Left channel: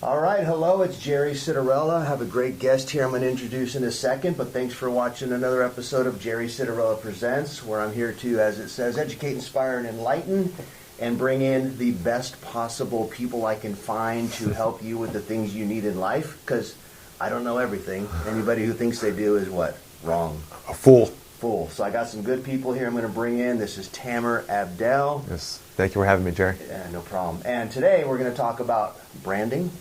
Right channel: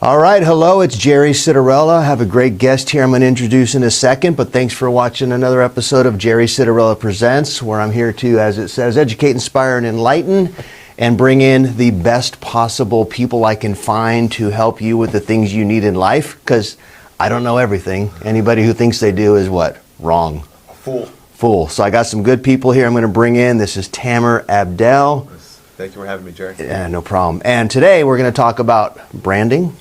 All right, hello, it's Jerry Citarella. I have a great guest here I'm going to introduce in a second, but thanks for watching another episode of Jerry Citarella Presents, where I'm here to, as it says, educate, inspire, and enlighten, and bring in the best possible people I can find to help you with the things you need in life, because I don't know everything. Anybody who thinks they do is what? Wrong. A fool. Fool. So I got some good people here I'm going to bring in. This is Tamer Abdel. Yes. Thank you for having me, Jerry. Yeah, no problem. And today we're going to talk about branding.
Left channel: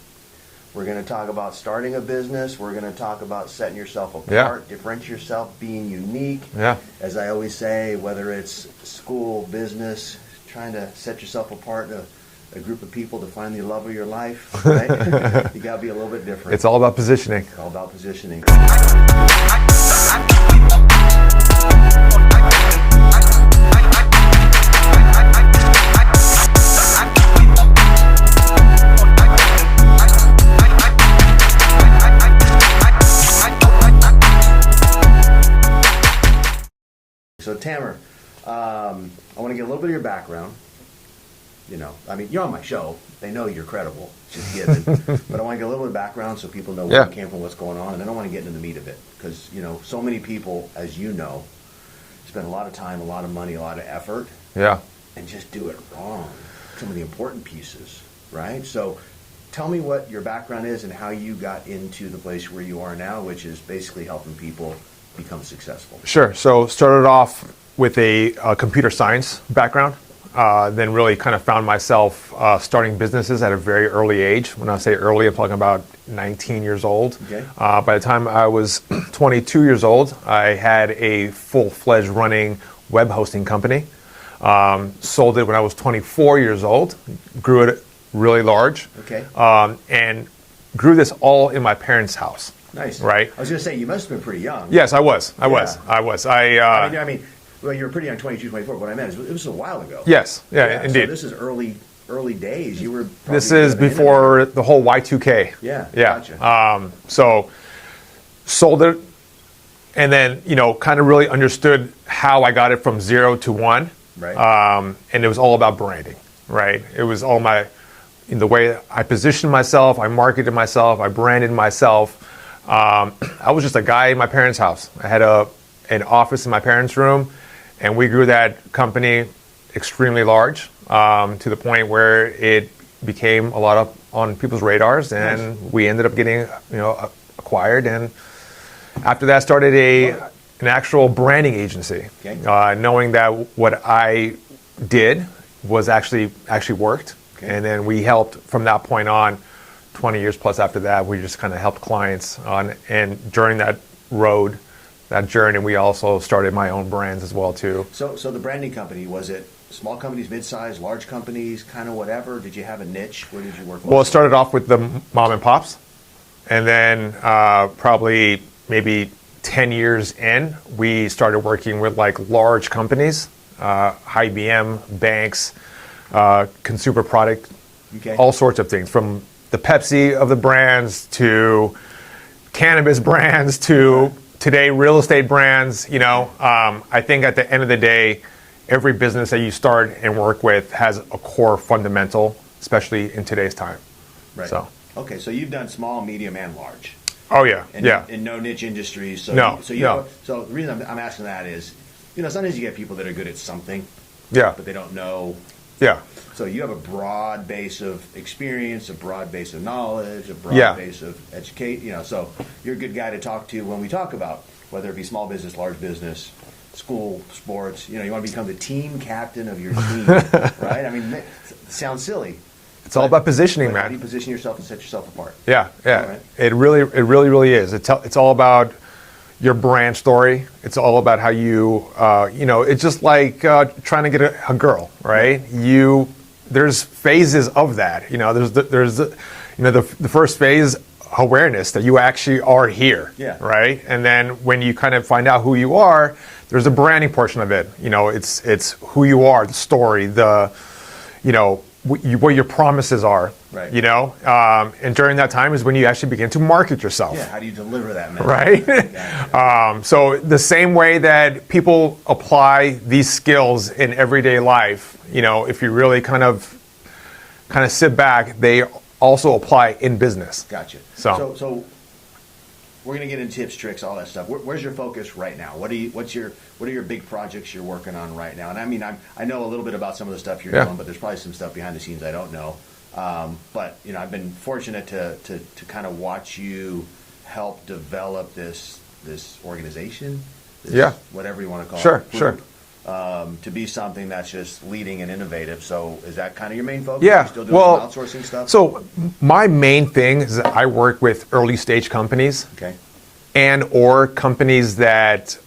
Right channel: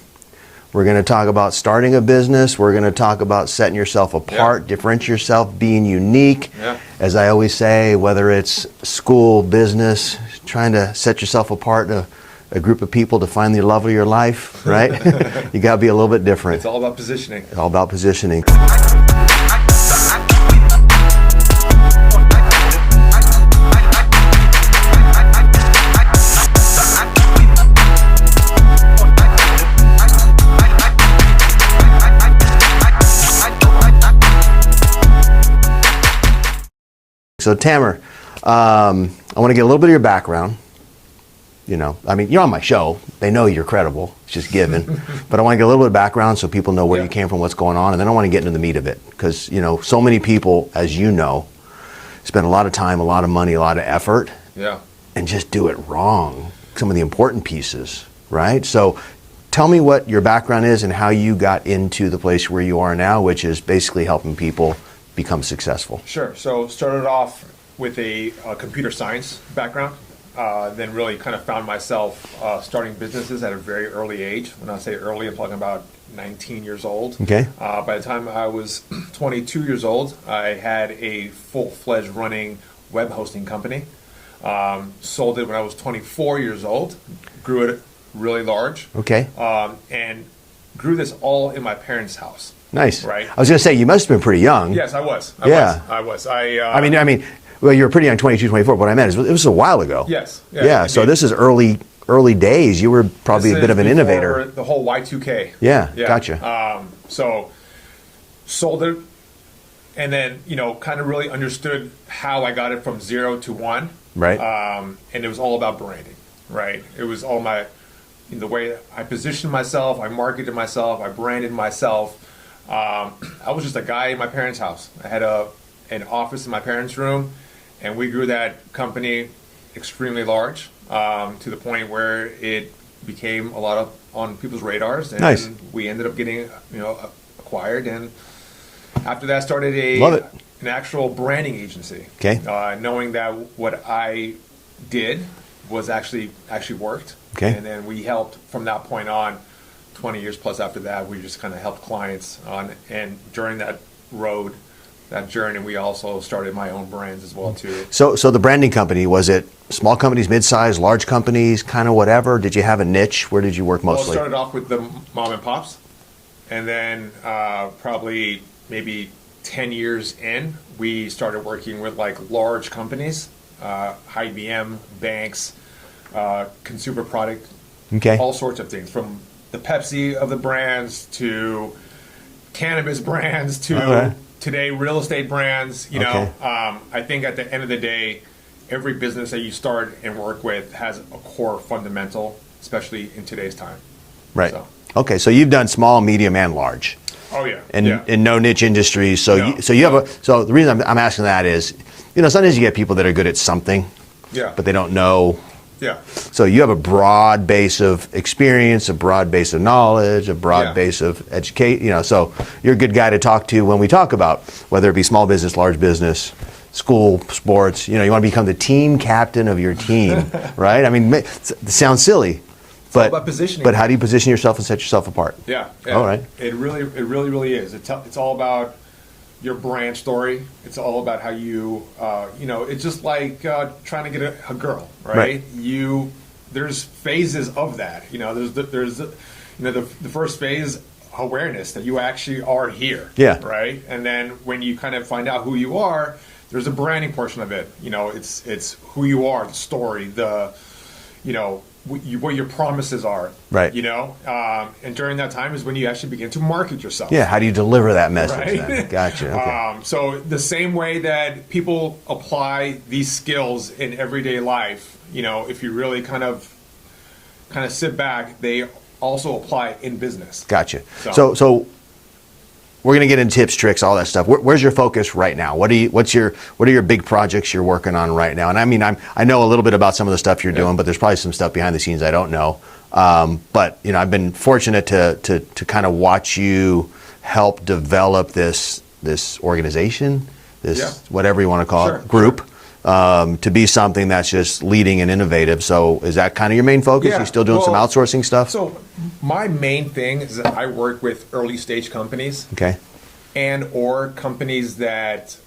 We're going to talk about starting a business. We're going to talk about setting yourself apart, differentiate yourself, being unique. Yeah. As I always say, whether it's school, business, trying to set yourself apart in a group of people to find the love of your life, right? You got to be a little bit different. It's all about positioning. All about positioning. So Tamer, I want to get a little bit of your background. You know, I mean, you're on my show. They know you're credible. It's just given. But I want to get a little bit of background so people know where you came from, what's going on, and then I want to get into the meat of it. Because, you know, so many people, as you know, spend a lot of time, a lot of money, a lot of effort, and just do it wrong. Some of the important pieces, right? So tell me what your background is and how you got into the place where you are now, which is basically helping people become successful. Sure. So started off with a computer science background, then really kind of found myself starting businesses at a very early age. When I say early, I'm talking about 19 years old. Okay. By the time I was 22 years old, I had a full-fledged running web hosting company. Sold it when I was 24 years old, grew it really large. Okay. And grew this all in my parents' house. Nice. Right. I was going to say, you must have been pretty young. Yes, I was. I was. I mean, well, you were pretty young, 22, 24. What I meant is, it was a while ago. Yes. Yeah. So this is early days. You were probably a bit of an before innovator. The whole Y2K. Yeah. Gotcha. So sold it, and then kind of really understood how I got it from 0 to 1. Right. And it was all about branding. Right. It was all in the way I positioned myself, I marketed myself, I branded myself. I was just a guy in my parents' house. I had an office in my parents' room, and we grew that company extremely large to the point where it became a lot on people's radars, and we ended up getting acquired. And after that, started an actual branding agency. Okay. Knowing that what I did was actually worked, and then we helped from that point on. 20 years plus after that, we just kind of helped clients on, and during that journey, we also started my own brands as well too. So the branding company, was it small companies, mid-size, large companies, kind of whatever? Did you have a niche? Where did you work mostly? Well, it started off with the mom and pops, and then probably maybe 10 years in, we started working with like large companies, IBM, banks, consumer product, all sorts of things, from the Pepsi of the brands to cannabis brands to today real estate brands. I think at the end of the day, every business that you start and work with has a core fundamental, especially in today's time. Right. Okay, so you've done small, medium, and large. Oh yeah. And in no niche industries. So the reason I'm asking that is, sometimes you get people that are good at something, but they don't know. Yeah. So you have a broad base of experience, a broad base of knowledge, a broad base of education. So you're a good guy to talk to when we talk about whether it be small business, large business, school, sports. You want to become the team captain of your team, right? I mean, it sounds silly. It's all about positioning. But how do you position yourself and set yourself apart? Yeah. All right. It really is. It's all about your brand story. It's all about how you, it's just like trying to get a girl, right? There's phases of that. There's the first phase, awareness that you actually are here. Yeah. Right. And then when you kind of find out who you are, there's a branding portion of it. It's who you are, the story, what your promises are, right? And during that time is when you actually begin to market yourself. Yeah, how do you deliver that message? Right. Gotcha. Okay. So the same way that people apply these skills in everyday life, if you really kind of sit back, they also apply in business. Gotcha. So we're going to get into tips, tricks, all that stuff. Where's your focus right now? What are your big projects you're working on right now? And I mean, I know a little bit about some of the stuff you're doing, but there's probably some stuff behind the scenes I don't know. But I've been fortunate to kind of watch you help develop this organization, whatever you want to call it, group. To be something that's just leading and innovative. So is that kind of your main focus? Yeah. You're still doing some outsourcing stuff? So my main thing is that I work with early stage companies. Okay. And or companies that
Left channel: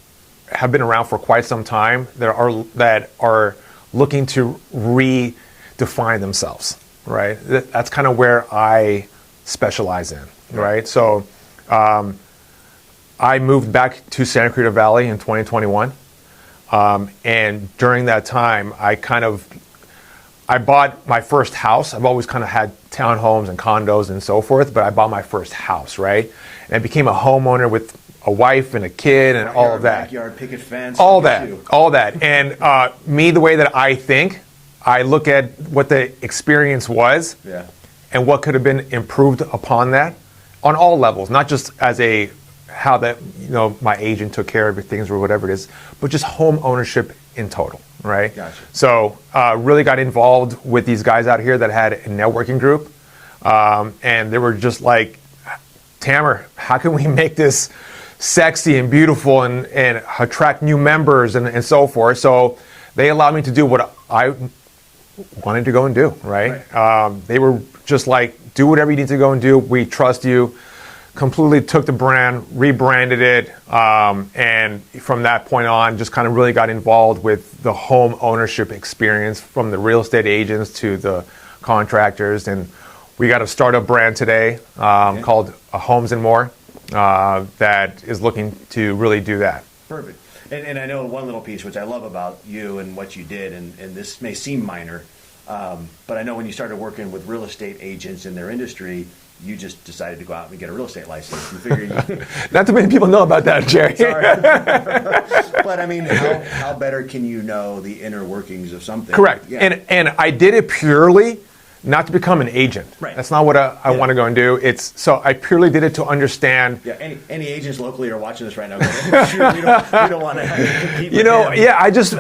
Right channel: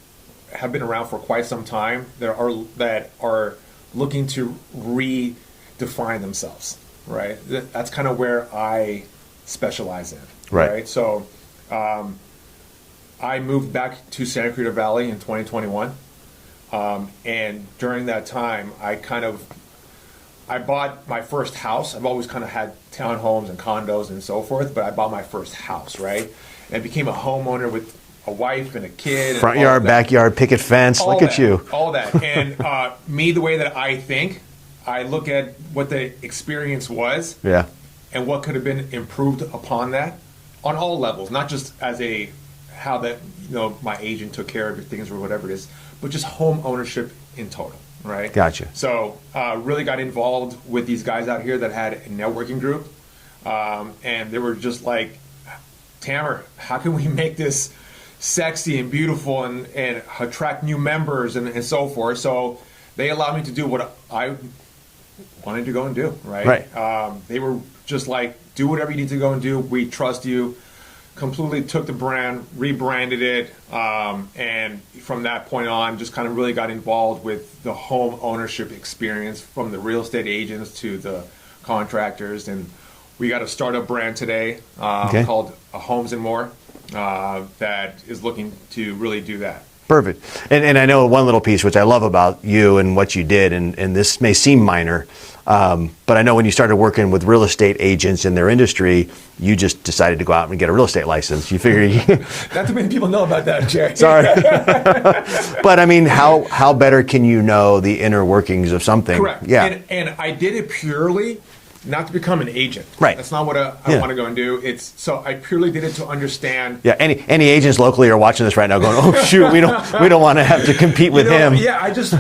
have been around for quite some time that are looking to redefine themselves, right? That's kind of where I specialize in, right? So I moved back to Santa Cruz Valley in 2021. And during that time, I bought my first house. I've always kind of had townhomes and condos and so forth, but I bought my first house, right? And I became a homeowner with a wife and a kid. Front yard, backyard, picket fence, all look that, at you. All that. And me, the way that I think, I look at what the experience was and what could have been improved upon that on all levels, not just as how that my agent took care of things or whatever it is, but just home ownership in total, right? Gotcha. So really got involved with these guys out here that had a networking group, and they were just like, Tamer, how can we make this sexy and beautiful and attract new members and so forth? So they allowed me to do what I wanted to go and do, right? They were just like, do whatever you need to go and do. We trust you. Completely took the brand, rebranded it, and from that point on, just kind of really got involved with the home ownership experience from the real estate agents to the contractors. And we got a startup brand today called Homes and More that is looking to really do that. Perfect. And I know one little piece, which I love about you and what you did, and this may seem minor, but I know when you started working with real estate agents in their industry, you just decided to go out and get a real estate license. You figured not too many people know about that, Jerry. Sorry. But I mean, how better can you know the inner workings of something? Correct. Yeah. And I did it purely not to become an agent. Right. That's not what I want to go and do. So I purely did it to understand. Yeah. Any agents locally are watching this right now, going, "Oh shoot, we don't want to have to compete with him." Yeah. I just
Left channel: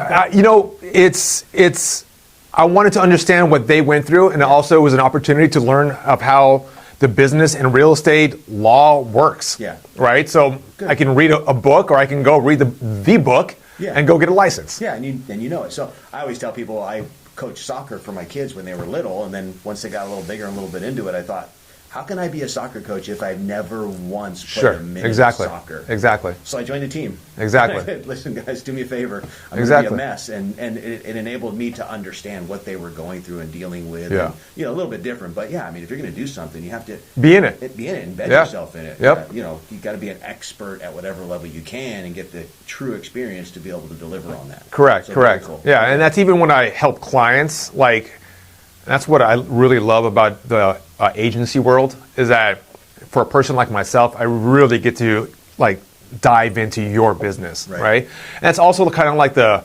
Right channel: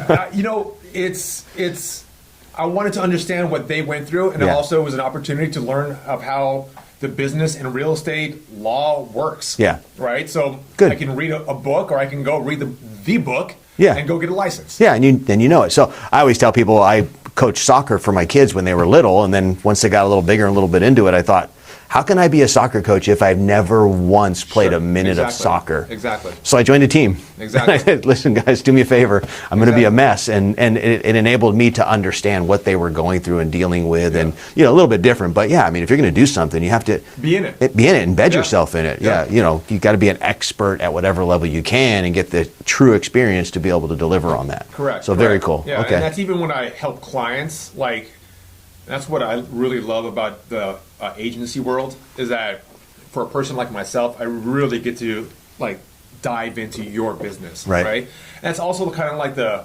it's. I wanted to understand what they went through, and it also was an opportunity to learn of how the business and real estate law works. Yeah. Right. So I can read a book, or I can go read the book. And go get a license. Yeah, and you know it. So I always tell people I coached soccer for my kids when they were little, and then once they got a little bigger and a little bit into it, I thought, how can I be a soccer coach if I've never once played a minute of soccer? Exactly. So I joined a team. Exactly. I said, listen, guys, do me a favor. I'm going to be a mess. And it enabled me to understand what they were going through and dealing with. And, a little bit different. But, yeah, I mean, if you're going to do something, you have to be in it. Be in it, embed yourself in it. Yep. Yeah, you got to be an expert at whatever level you can and get the true experience to be able to deliver on that. Correct. So very cool. Yeah, and that's even when I help clients. That's what I really love about the agency world, is that for a person like myself, I really get to dive into your business, right? And that's also kind of like the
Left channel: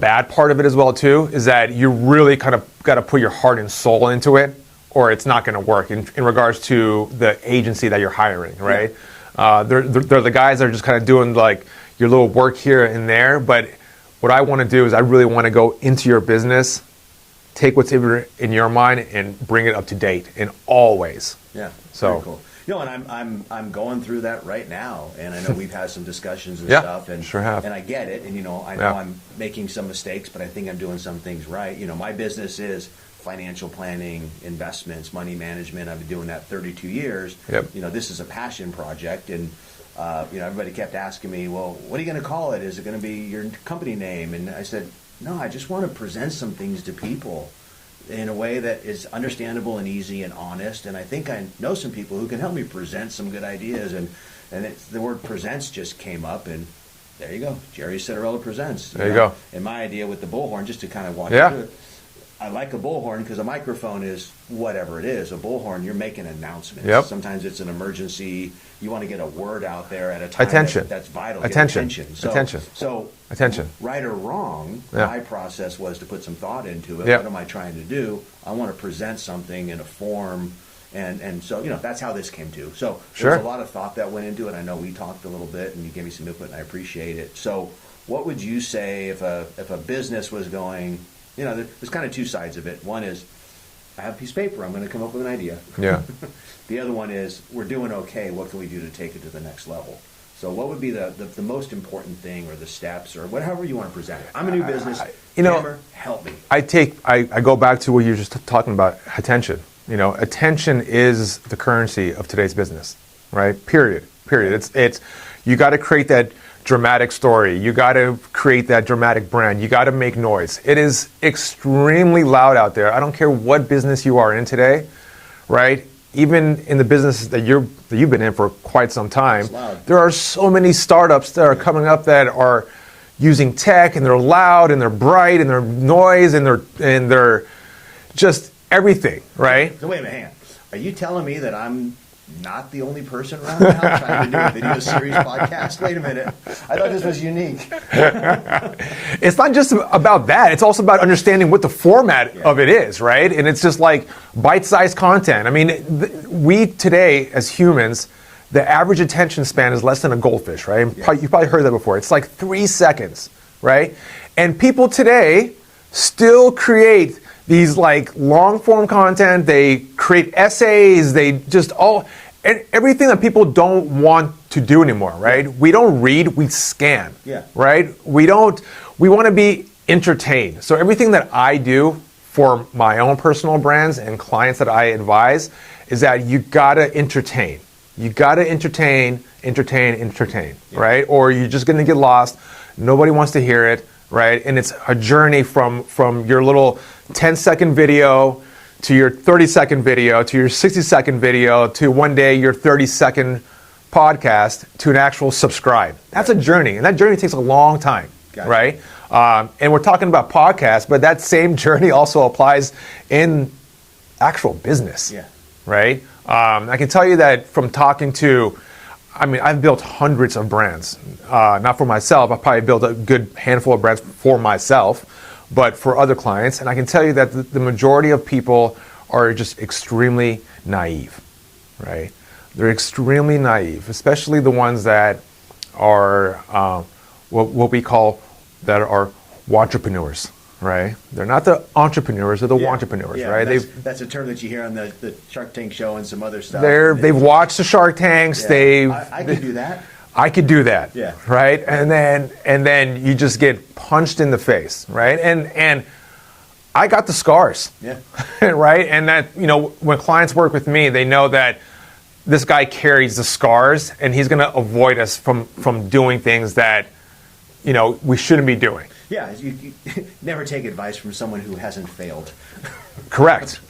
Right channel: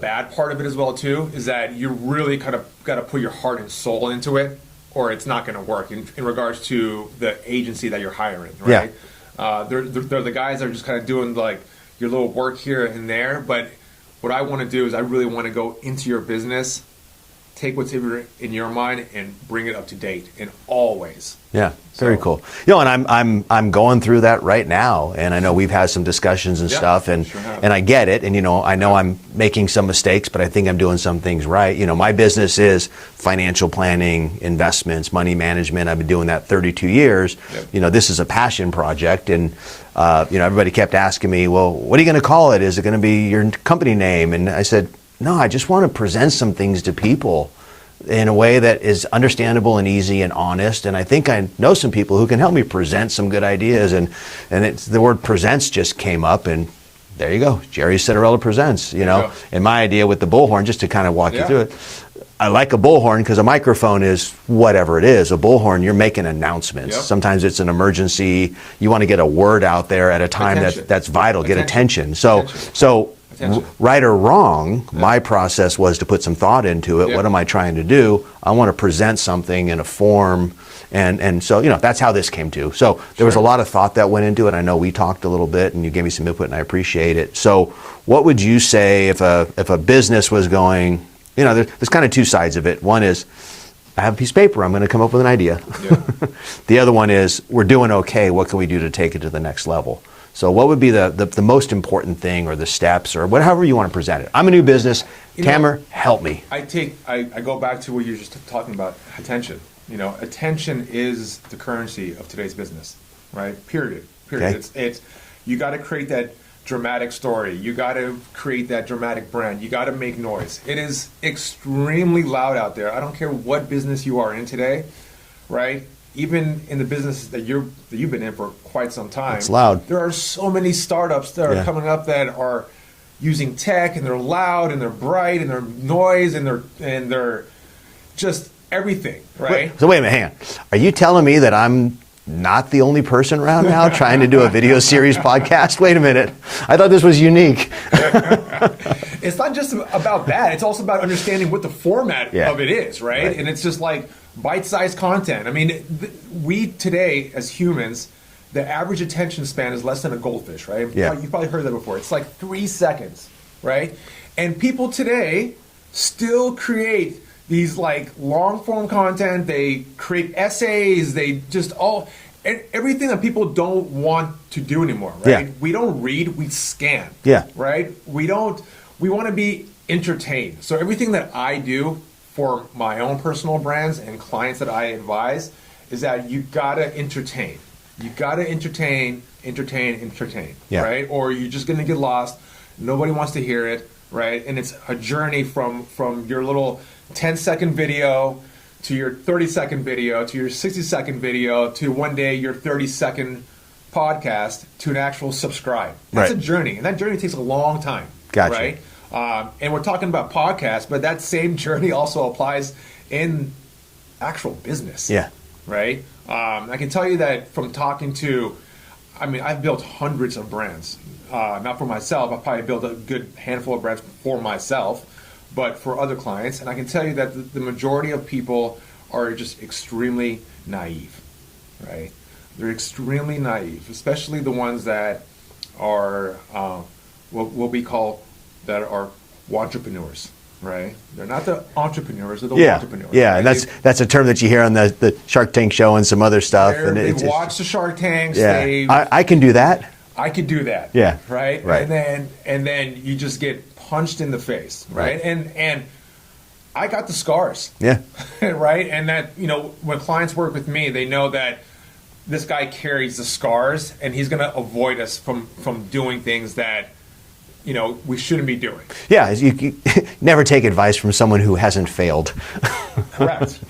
bad part of it as well too, is that you really kind of got to put your heart and soul into it, or it's not going to work in regards to the agency that you're hiring, right? Yeah. They're the guys that are just kind of doing your little work here and there, but what I want to do is I really want to go into your business, take what's in your mind and bring it up to date in all ways. Yeah, very cool. And I'm going through that right now, and I know we've had some discussions and stuff, and sure have. And I get it, and I know I'm making some mistakes, but I think I'm doing some things right. My business is financial planning, investments, money management. I've been doing that 32 years. Yep. This is a passion project, and everybody kept asking me, well, what are you going to call it? Is it going to be your company name? And I said, no, I just want to present some things to people in a way that is understandable and easy and honest. And I think I know some people who can help me present some good ideas. And the word presents just came up, and there you go. Jerry Citarella presents, you know. And my idea with the bullhorn, just to kind of walk you through it. I like a bullhorn because a microphone is whatever it is. A bullhorn, you're making announcements. Yep. Sometimes it's an emergency. You want to get a word out there at a time that's vital. Get attention. So right or wrong, my process was to put some thought into it. What am I trying to do? I want to present something in a form. And so, that's how this came to. So there was a lot of thought that went into it. I know we talked a little bit and you gave me some input and I appreciate it. So what would you say if a business was going, there's kind of two sides of it. One is, I have a piece of paper, I'm going to come up with an idea. Yeah. The other one is, we're doing okay, what can we do to take it to the next level? So what would be the most important thing or the steps or whatever you want to present it? I'm a new business. Tamer, help me. I go back to what you were just talking about, attention. Attention is the currency of today's business, right? Period. Okay. It's you got to create that dramatic story. You got to create that dramatic brand. You got to make noise. It is extremely loud out there. I don't care what business you are in today, right? Even in the business that you've been in for quite some time, it's loud. There are so many startups that are coming up that are using tech, and they're loud, and they're bright, and they're noise, and they're just everything, right? So wait a minute, hang on. Are you telling me that I'm not the only person around now trying to do a video series podcast? Wait a minute. I thought this was unique. It's not just about that. It's also about understanding what the format of it is, right? And it's just like bite-sized content. I mean, we today, as humans, the average attention span is less than a goldfish, right? Yeah. You've probably heard that before. It's like 3 seconds, right? And people today still create these like long form content, they create essays, they just everything that people don't want to do anymore, right? Yeah. We don't read, we scan. Yeah. Right? We want to be entertained. So everything that I do for my own personal brands and clients that I advise is that you gotta entertain. You gotta entertain, yeah. right? Or you're just gonna get lost. Nobody wants to hear it, right? And it's a journey from your little 10-second video to your 30-second video to your 60-second video to one day your 30-second podcast to an actual subscribe. That's a journey, and that journey takes a long time, right? And we're talking about podcasts, but that same journey also applies in actual business, right? I can tell you that from talking to, I've built hundreds of brands, not for myself. I've probably built a good handful of brands for myself, but for other clients. And I can tell you that the majority of people are just extremely naive, right? They're extremely naive, especially the ones that are what we call that are entrepreneurs, right? They're not the entrepreneurs, they're the entrepreneurs. Yeah, right? and that's a term that you hear on the Shark Tank show and some other stuff. They've watched the Shark Tanks. Yeah. I can do that. I could do that. Yeah. Right? And then you just get punched in the face, right? And I got the scars. Yeah. Right? And that, when clients work with me, they know that this guy carries the scars and he's going to avoid us from doing things that we shouldn't be doing. Yeah, you never take advice from someone who hasn't failed. Correct.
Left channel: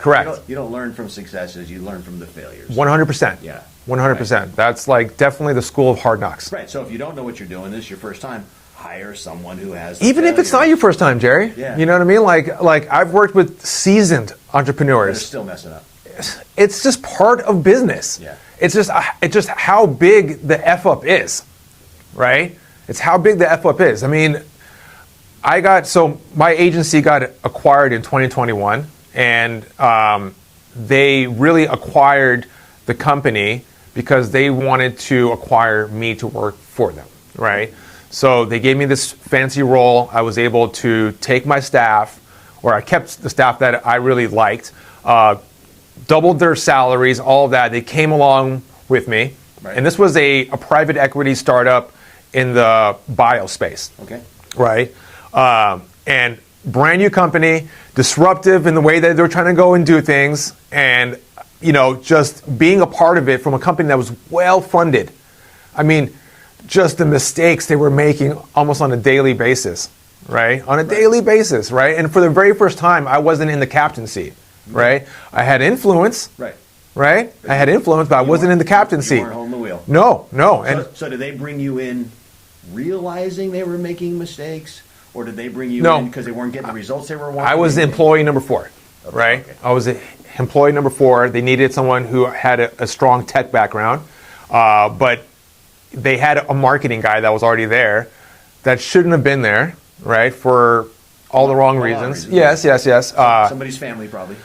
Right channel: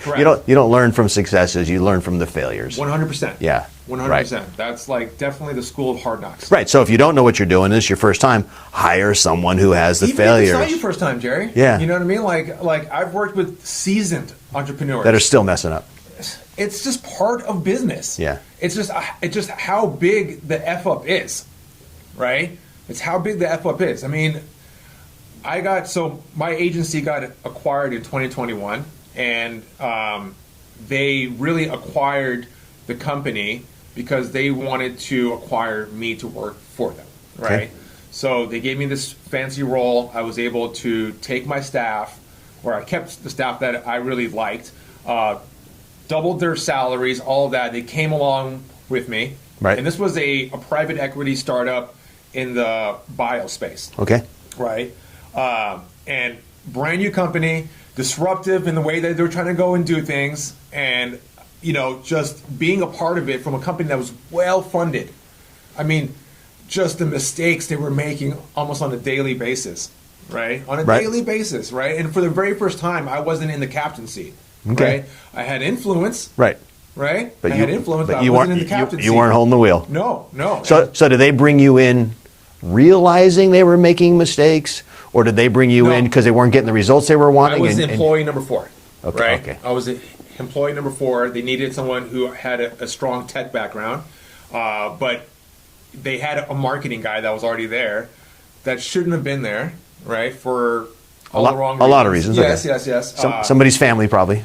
You don't learn from successes, you learn from the failures. 100%. Yeah. 100%. Right. That's like definitely the school of hard knocks. Right. So if you don't know what you're doing, this is your first time, hire someone who has the Even failures. if it's not your first time, Jerry. Yeah. You know what I mean? Like I've worked with seasoned entrepreneurs that are still messing up. It's just part of business. Yeah. It's just how big the F up is, right? It's how big the F up is. My agency got acquired in 2021, and they really acquired the company because they wanted to acquire me to work for them, right? Okay. So they gave me this fancy role. I was able to take my staff, or I kept the staff that I really liked, doubled their salaries, all of that. They came along with me. Right. And this was a private equity startup in the bio space. Okay. Right? And brand new company, disruptive in the way that they're trying to go and do things, and just being a part of it from a company that was well funded. Just the mistakes they were making almost on a daily basis, right? On a daily basis, right? And for the very first time, I wasn't in the captain seat, right? I had influence, right? But I had influence, but I wasn't in the captain seat. You weren't holding the wheel. No. So did they bring you in realizing they were making mistakes, or did they bring you No. in because they weren't getting the results they were wanting? I was employee number 4, Okay, right? okay. I was employee number 4. They needed someone who had a strong tech background, but they had a marketing guy that was already there that shouldn't have been there, right? For all the wrong reasons. A lot of reasons. Yes, okay. yes, yes. Somebody's family probably.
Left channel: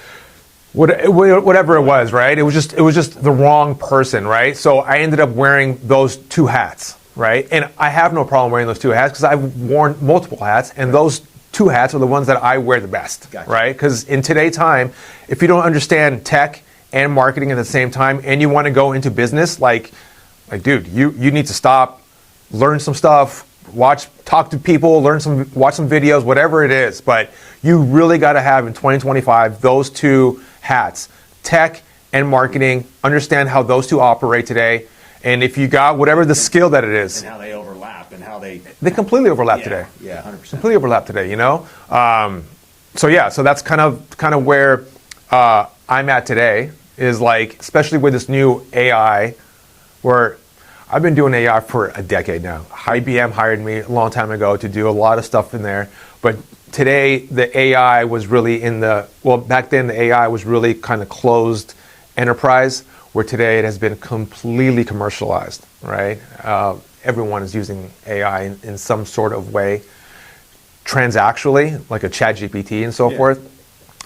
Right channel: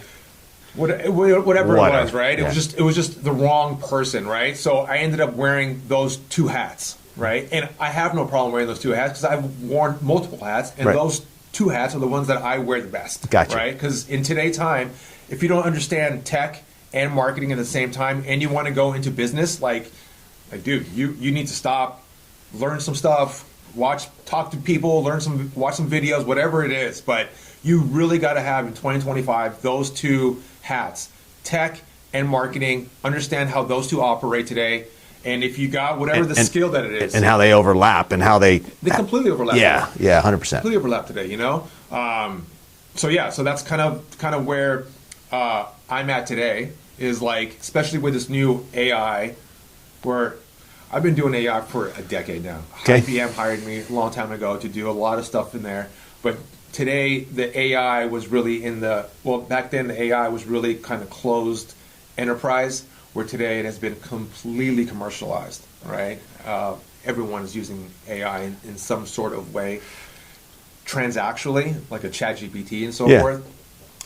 Whatever it was, right? It was just the wrong person, right? So I ended up wearing those 2 hats, right? And I have no problem wearing those 2 hats because I've worn multiple hats, and Right. those 2 hats are the ones that I wear the best, Gotcha. right? Because in today's time, if you don't understand tech and marketing at the same time, and you want to go into business, like dude, you need to stop, learn some stuff, talk to people, watch some videos, whatever it is. But you really got to have in 2025 those 2 hats, tech and marketing, understand how those 2 operate today. And if you got whatever the skill that it is. And how they overlap and how they completely overlap yeah, today. Yeah, 100%. Completely overlap today, you know? So that's kind of where I'm at today, is like, especially with this new AI, where I've been doing AI for a decade now. Okay. IBM hired me a long time ago to do a lot of stuff in there. But today, the AI was really back then the AI was really kind of closed enterprise, where today it has been completely commercialized, right? Everyone is using AI in some sort of way, transactionally, like a ChatGPT and so Yeah. forth.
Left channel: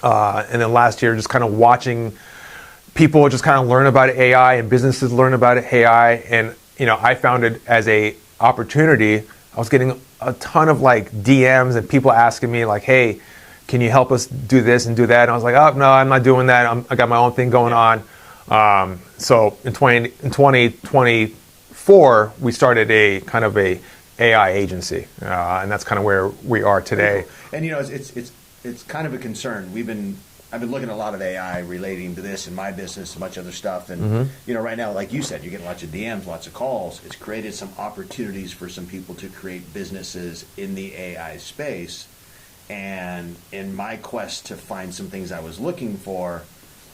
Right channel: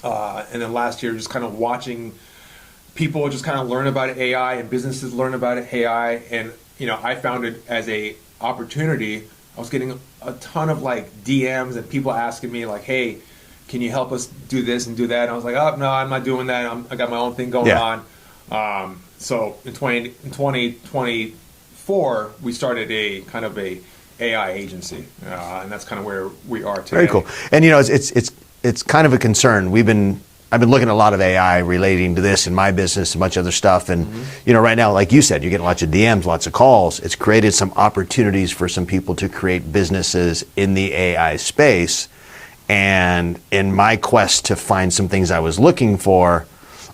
And then last year, just kind of watching people just kind of learn about AI and businesses learn about AI. And, I found it as a opportunity. I was getting a ton of like DMs and people asking me like, hey, can you help us do this and do that? And I was like, oh, no, I'm not doing that. I got my own thing going on. So in 2024, we started a kind of a AI agency. And that's kind of where we are today. Very cool. And it's kind of a concern. I've been looking at a lot of AI relating to this in my business, a bunch of other stuff. And, right now, like you said, you're getting lots of DMs, lots of calls. It's created some opportunities for some people to create businesses in the AI space. And in my quest to find some things I was looking for,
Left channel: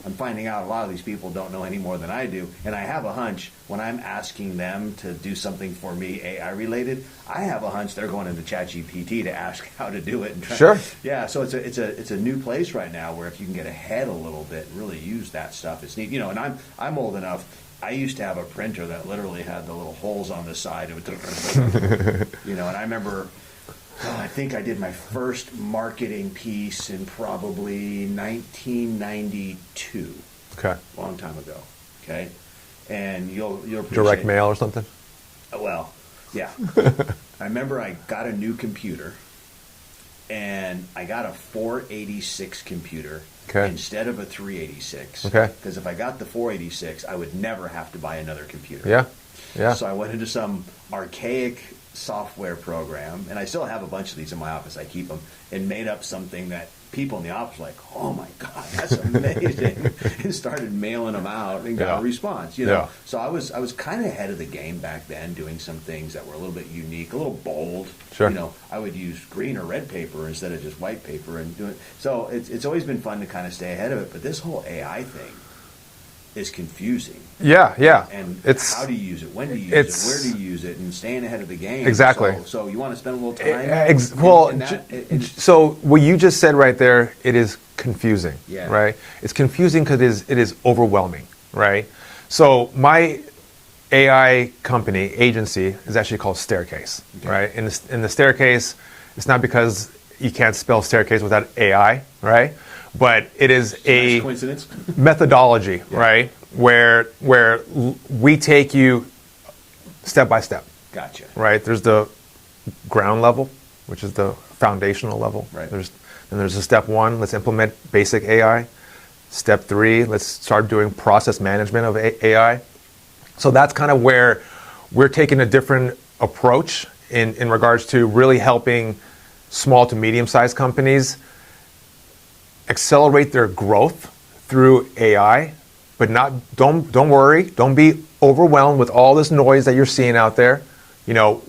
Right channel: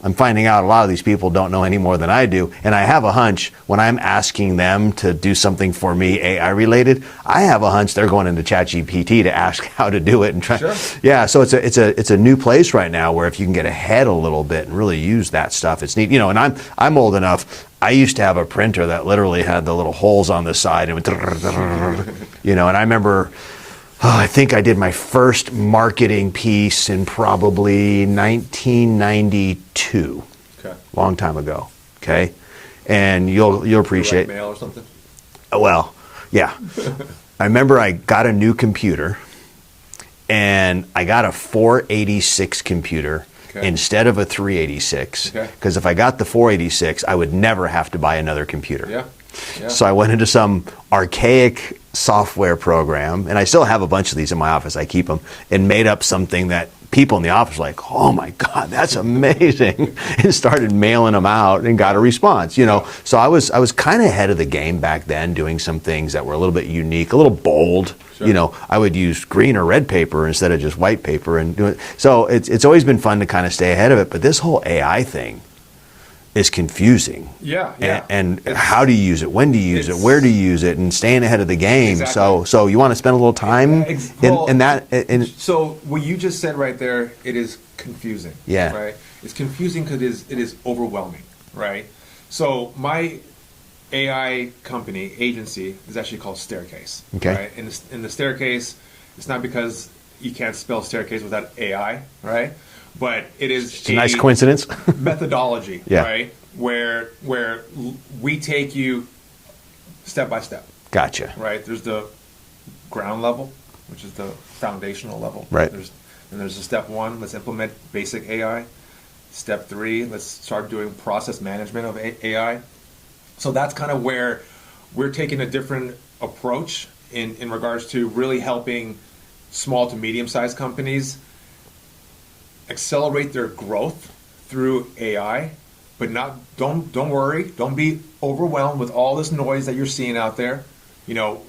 I'm finding out a lot of these people don't know any more than I do. And I have a hunch when I'm asking them to do something for me AI related, I have a hunch they're going into ChatGPT to ask how to do it and try. Sure. Yeah, so it's a new place right now where if you can get ahead a little bit and really use that stuff, it's neat. And I'm old enough. I used to have a printer that literally had the little holes on the side and would, and I remember I think I did my first marketing piece in probably 1992. Okay. Long time ago. Okay. And you'll appreciate Direct mail or something? Well, yeah. I remember I got a new computer and I got a 486 computer instead of a 386. Okay. Because if I got the 486, I would never have to buy another computer. Yeah. Yeah. So I went into some archaic software program, and I still have a bunch of these in my office. I keep them, and made up something that people in the office were like, oh my God, that's amazing. And started mailing them out and got a response, Yeah. So I was kind of ahead of the game back then, doing some things that were a little bit unique, a little bold. Sure. I would use green or red paper instead of just white paper and do it. So it's always been fun to kind of stay ahead of it. But this whole AI thing is confusing. Yeah, yeah. And how do you use it? When do you use it? Where do you use it? And staying ahead of the game. Exactly. So you want to spend a little time in that? So what you just said right there, it is confusing. Yeah. Right? It's confusing because it is overwhelming, right? So my AI company, agency, is actually called Staircase. Okay. Right? And the Staircase, it's not because you can't spell staircase without AI, right? But it is It's a nice coincidence. methodology, Yeah. right? Where we take you step by step, Gotcha. right? There's the ground level, which is the foundational level. Right. There's a step 1, let's implement basic AI. Step 3, let's start doing process management of AI. So that's kind of where we're taking a different approach in regards to really helping small to medium-sized companies accelerate their growth through AI, but don't worry, don't be overwhelmed with all this noise that you're seeing out there.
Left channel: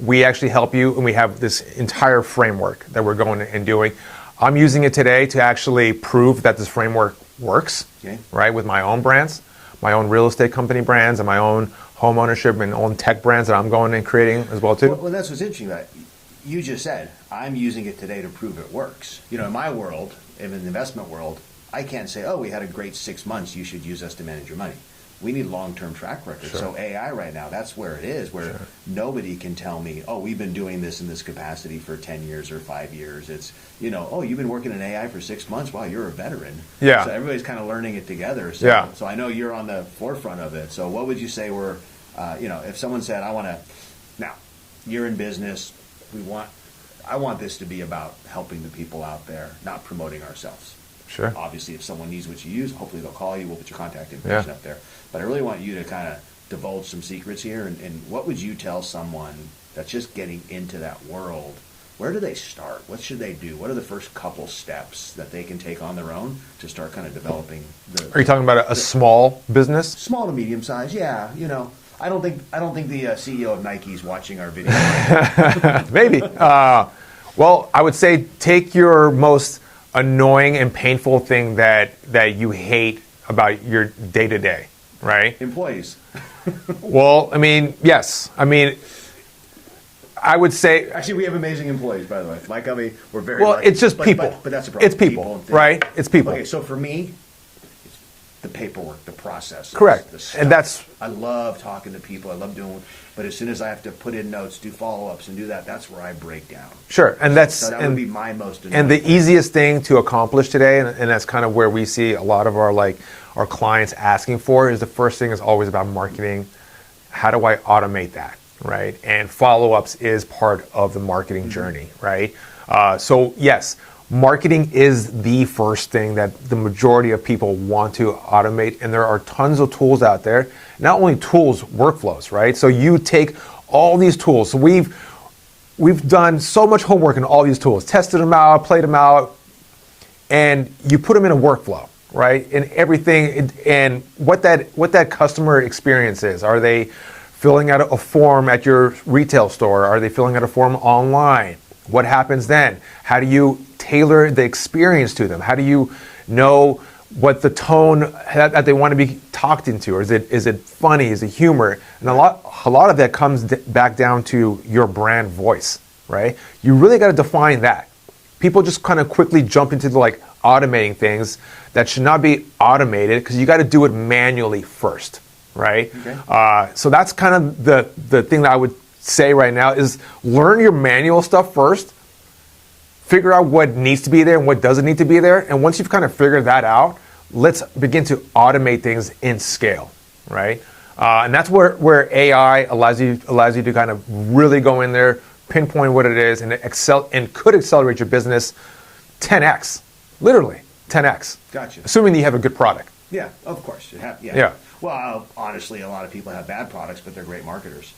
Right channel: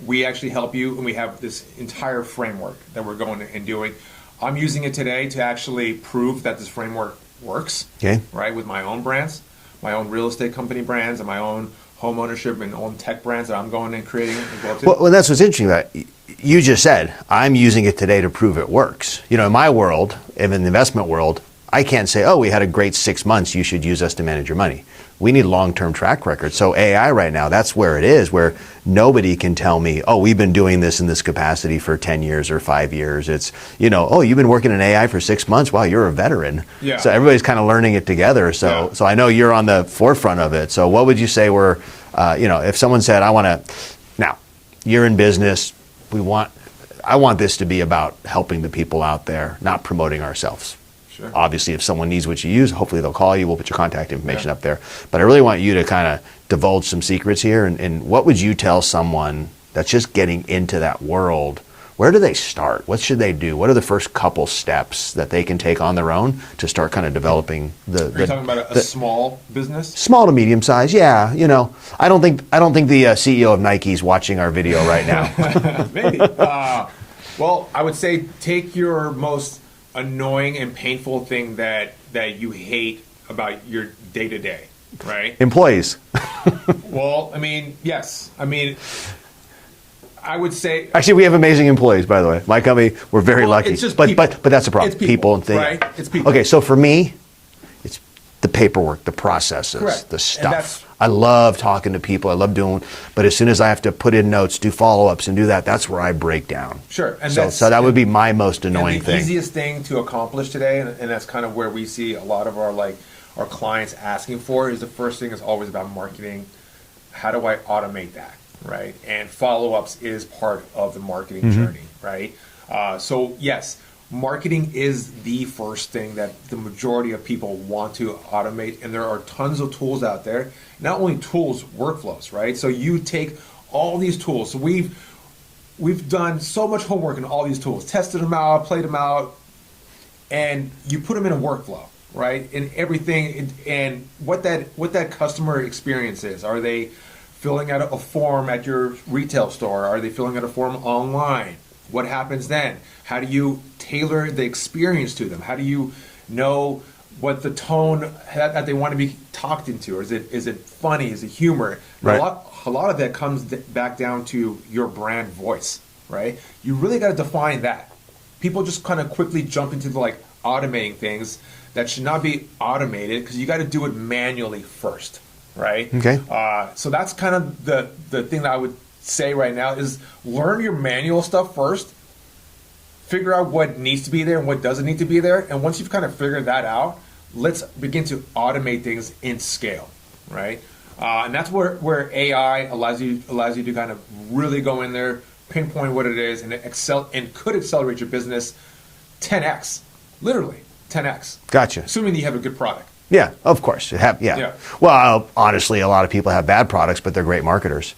We actually help you, and we have this entire framework that we're going and doing. I'm using it today to actually prove that this framework works, right, with my own brands, my own real estate company brands, and my own home ownership and own tech brands that I'm going and creating as well too. Well, that's what's interesting about it. you just said, I'm using it today to prove it works. You know, in my world, in the investment world, I can't say, oh, we had a great 6 months, you should use us to manage your money. We need long-term track record. So AI right now, that's where it is, where nobody can tell me, oh, we've been doing this in this capacity for 10 years or 5 years. It's, you know, oh, you've been working in AI for 6 months. Wow, you're a veteran. Yeah. So everybody's kind of learning it together. So, so I know you're on the forefront of it. So what would you say were, you know, if someone said, I want to, now, you're in business, I want this to be about helping the people out there, not promoting ourselves. Sure. Obviously, if someone needs what you use, hopefully they'll call you. We'll put your contact information up there. But I really want you to kind of divulge some secrets here. And what would you tell someone that's just getting into that world? Where do they start? What should they do? What are the first couple steps that they can take on their own to start kind of developing the? Are you talking about a small business? Small to medium size, yeah. You know, I don't think the CEO of Nike's watching our video right now. Maybe. Well, I would say take your most annoying and painful thing that you hate about your day-to-day, right? Employees. Well, I mean, yes. I mean, I would say... Actually, we have amazing employees, by the way. My company, we're very lucky. It's just people. But that's a problem. It's people and things. right? It's people. Okay, so for me, it's the paperwork, the processes, correct, the stuff. And I love talking to people. I love doing, but as soon as I have to put in notes, do follow-ups, and do that, that's where I break down. Sure, and so that would be my most annoying thing. And the easiest thing to accomplish today, and that's kind of where we see a lot of our clients asking for, is the first thing is always about marketing. How do I automate that, right? And follow-ups is part of the marketing journey, right? So yes, marketing is the first thing that the majority of people want to automate, and there are tons of tools out there. Not only tools, workflows, right? So you take all these tools. So we've done so much homework in all these tools, tested them out, played them out, and you put them in a workflow, right? And everything, and what that customer experience is. Are they filling out a form at your retail store? Are they filling out a form online? What happens then? How do you tailor the experience to them? How do you know what the tone that they want to be talked into? Or is it funny? Is it humor? And Right. a lot of that comes back down to your brand voice, right? You really got to define that. People just kind of quickly jump into automating things that should not be automated, because you got to do it manually first, right? Okay. So that's kind of the thing that I would say right now is learn your manual stuff first. Figure out what needs to be there and what doesn't need to be there. And once you've kind of figured that out, let's begin to automate things in scale, right? And that's where AI allows you to kind of really go in there, pinpoint what it is, and could accelerate your business 10x, literally 10x. Gotcha. Assuming that you have a good product. Yeah, of course. Yeah. Well, honestly, a lot of people have bad products, but they're great marketers.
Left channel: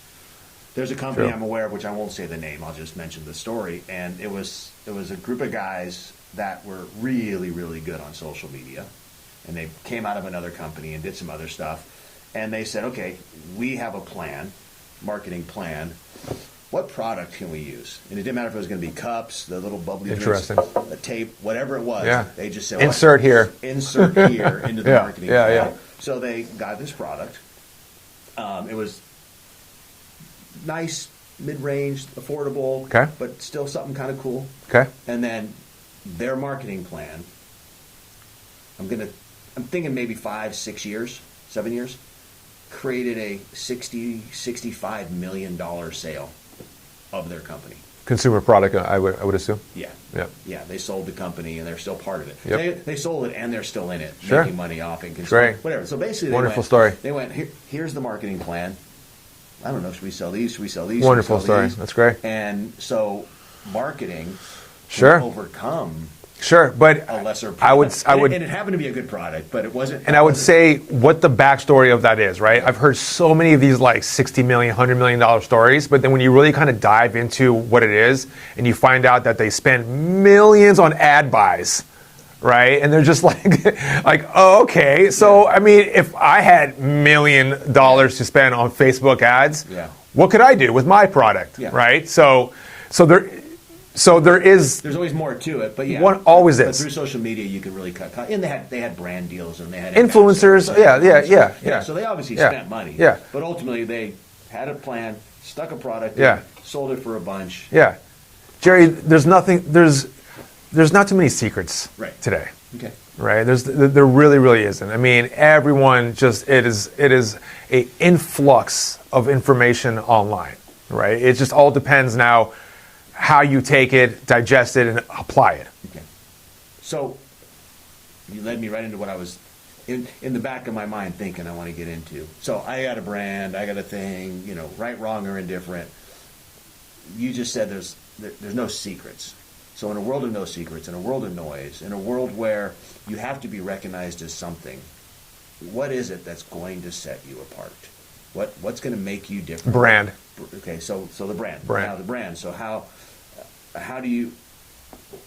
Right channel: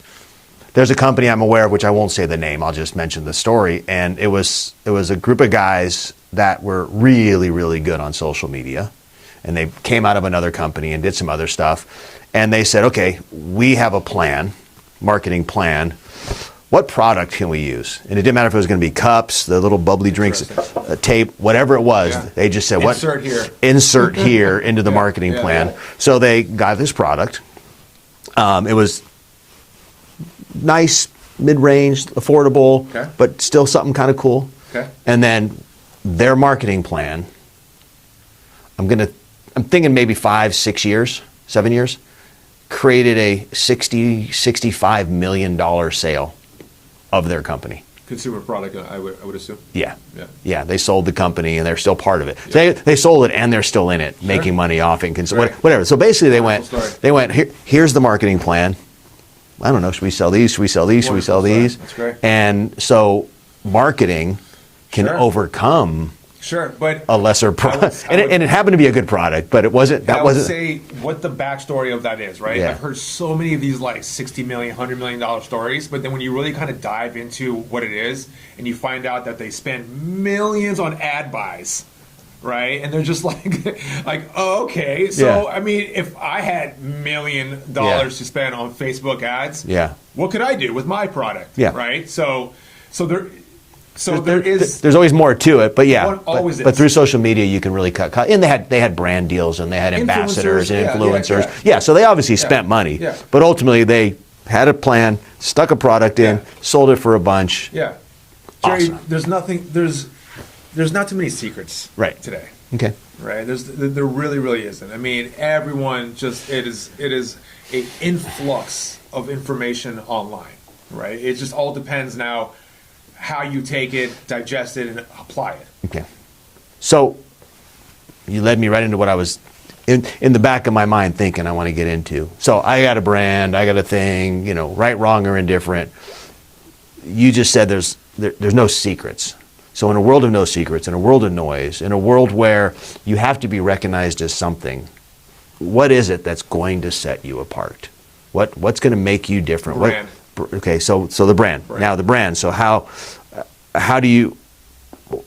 There's a company I'm aware of, which I won't say the name, I'll just mention the story, and it was a group of guys that were really, really good on social media, and they came out of another company and did some other stuff, and they said, okay, we have a plan, marketing plan. What product can we use? And it didn't matter if it was going to be cups, the little bubbly drinks, tape, whatever it was. Yeah. They just said, insert here. Insert here into the marketing plan. Yeah. So they got this product. It was nice, mid-range, affordable, but still something kind of cool. Okay. And then their marketing plan, I'm thinking maybe 5, 6 years, 7 years, created a $65 million sale of their company. Consumer product, I would assume. Yeah. Yeah. Yeah. They sold the company and they're still part of it. Yep. They sold it and they're still in it, making money off it, whatever. So basically they went, here's the marketing plan. I don't know, should we sell these? Should we sell these? Should we sell these? That's great. And so marketing can overcome but a lesser product. And it happened to be a good product, but it wasn't. And I would say what the backstory of that is, right? Yeah. I've heard so many of these $60 million, $100 million stories, but then when you really kind of dive into what it is and you find out that they spend millions on ad buys, right? And they're just oh, okay. So, I mean, if I had $1 million to spend on Facebook ads, what could I do with my product, right? So there's always more to it, but always is. But through social media, you can really cut. And they had brand deals and they had influencers, influencers. So they obviously spent money. Yeah. But ultimately, they had a plan, stuck a product in, sold it for a bunch. Yeah. Jerry, Awesome. there's not too many secrets Right. today. Okay. Right? There really isn't. I mean, everyone it is a influx of information online, right? It just all depends now how you take it, digest it, and apply it. Okay. So you led me right into what I was in the back of my mind thinking I want to get into. So I got a brand, I got a thing, right, wrong, or indifferent. You just said there's no secrets. So in a world of no secrets, in a world of noise, in a world where you have to be recognized as something, what is it that's going to set you apart? What's going to make you different? Brand. Okay, so the brand. Now the brand. So how do you?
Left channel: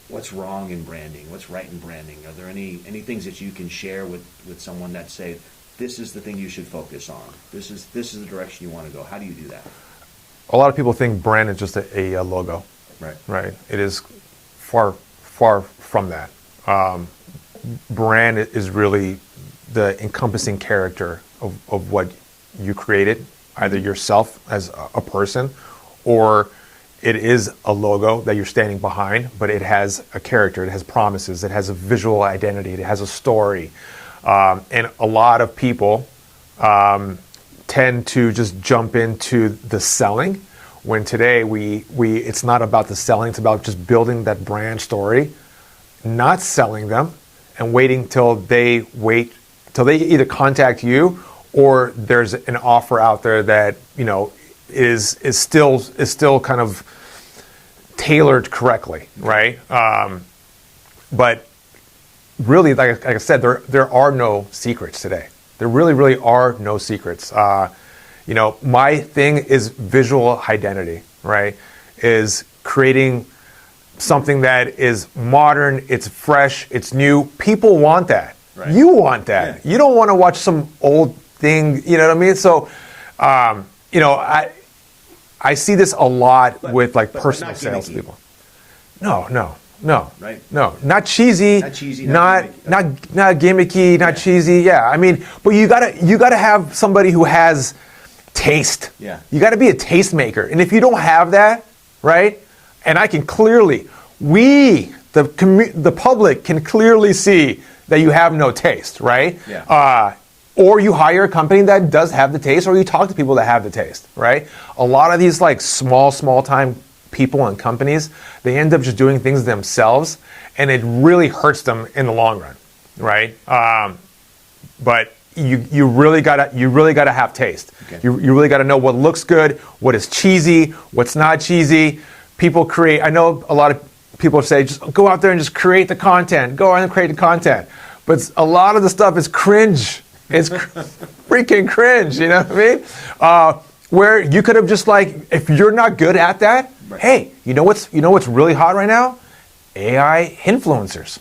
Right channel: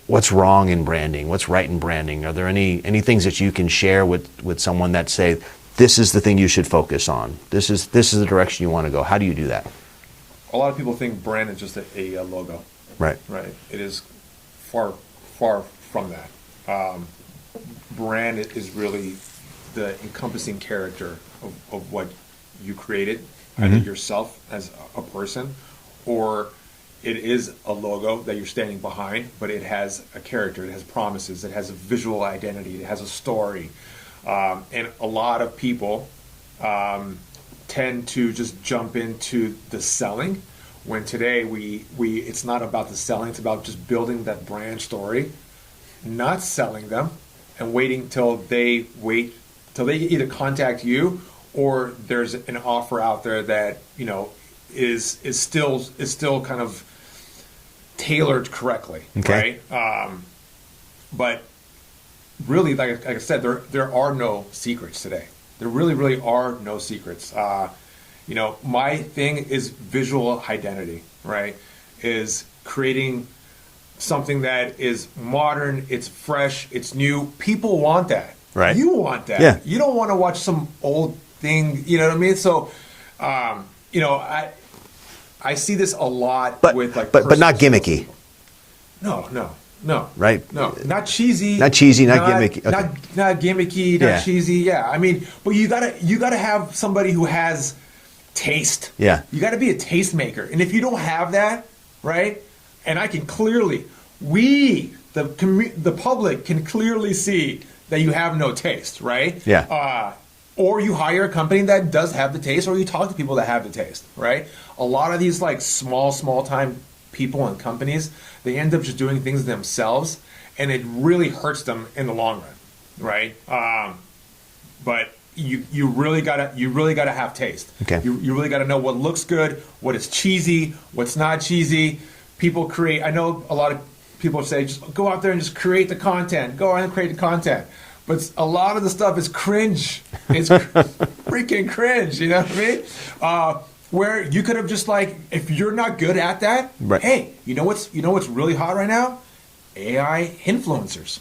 What's wrong in branding? What's right in branding? Are there any things that you can share with someone that say this is the thing you should focus on? This is the direction you want to go. How do you do that? A lot of people think brand is just a logo. Right. Right. It is far from that. Brand is really the encompassing character of what you created, either yourself as a person, or it is a logo that you're standing behind, but it has a character, it has promises, it has a visual identity, it has a story. And a lot of people tend to just jump into the selling, when today it's not about the selling, it's about just building that brand story, not selling them, and waiting till they either contact you or there's an offer out there that is still kind of tailored correctly, Okay. right? But really, like I said, there are no secrets today. There really are no secrets. My thing is visual identity, right? Is creating something that is modern, it's fresh, it's new. People want that. Right. You want that. Yeah. You don't want to watch some old thing, you know what I mean? So, I see this a lot with but personal not gimmicky. salespeople. No. Right. No, not cheesy. Not cheesy, not gimmicky. Okay. Not gimmicky, not Yeah. cheesy. Yeah, I mean, but you gotta have somebody who has taste. Yeah. You gotta be a tastemaker, and if you don't have that, right? And I can clearly, the public can clearly see that you have no taste, right? Yeah. Or you hire a company that does have the taste, or you talk to people that have the taste, right? A lot of these small time people and companies, they end up just doing things themselves, and it really hurts them in the long run, right? But you really gotta have taste. Okay. You really gotta know what looks good, what is cheesy, what's not cheesy. I know a lot of people say, just go out there and just create the content. Go out and create the content. But a lot of the stuff is cringe. It's freaking cringe, you know what I mean? Where you could have just if you're not good at that, Right. hey, you know what's really hot right now? AI influencers.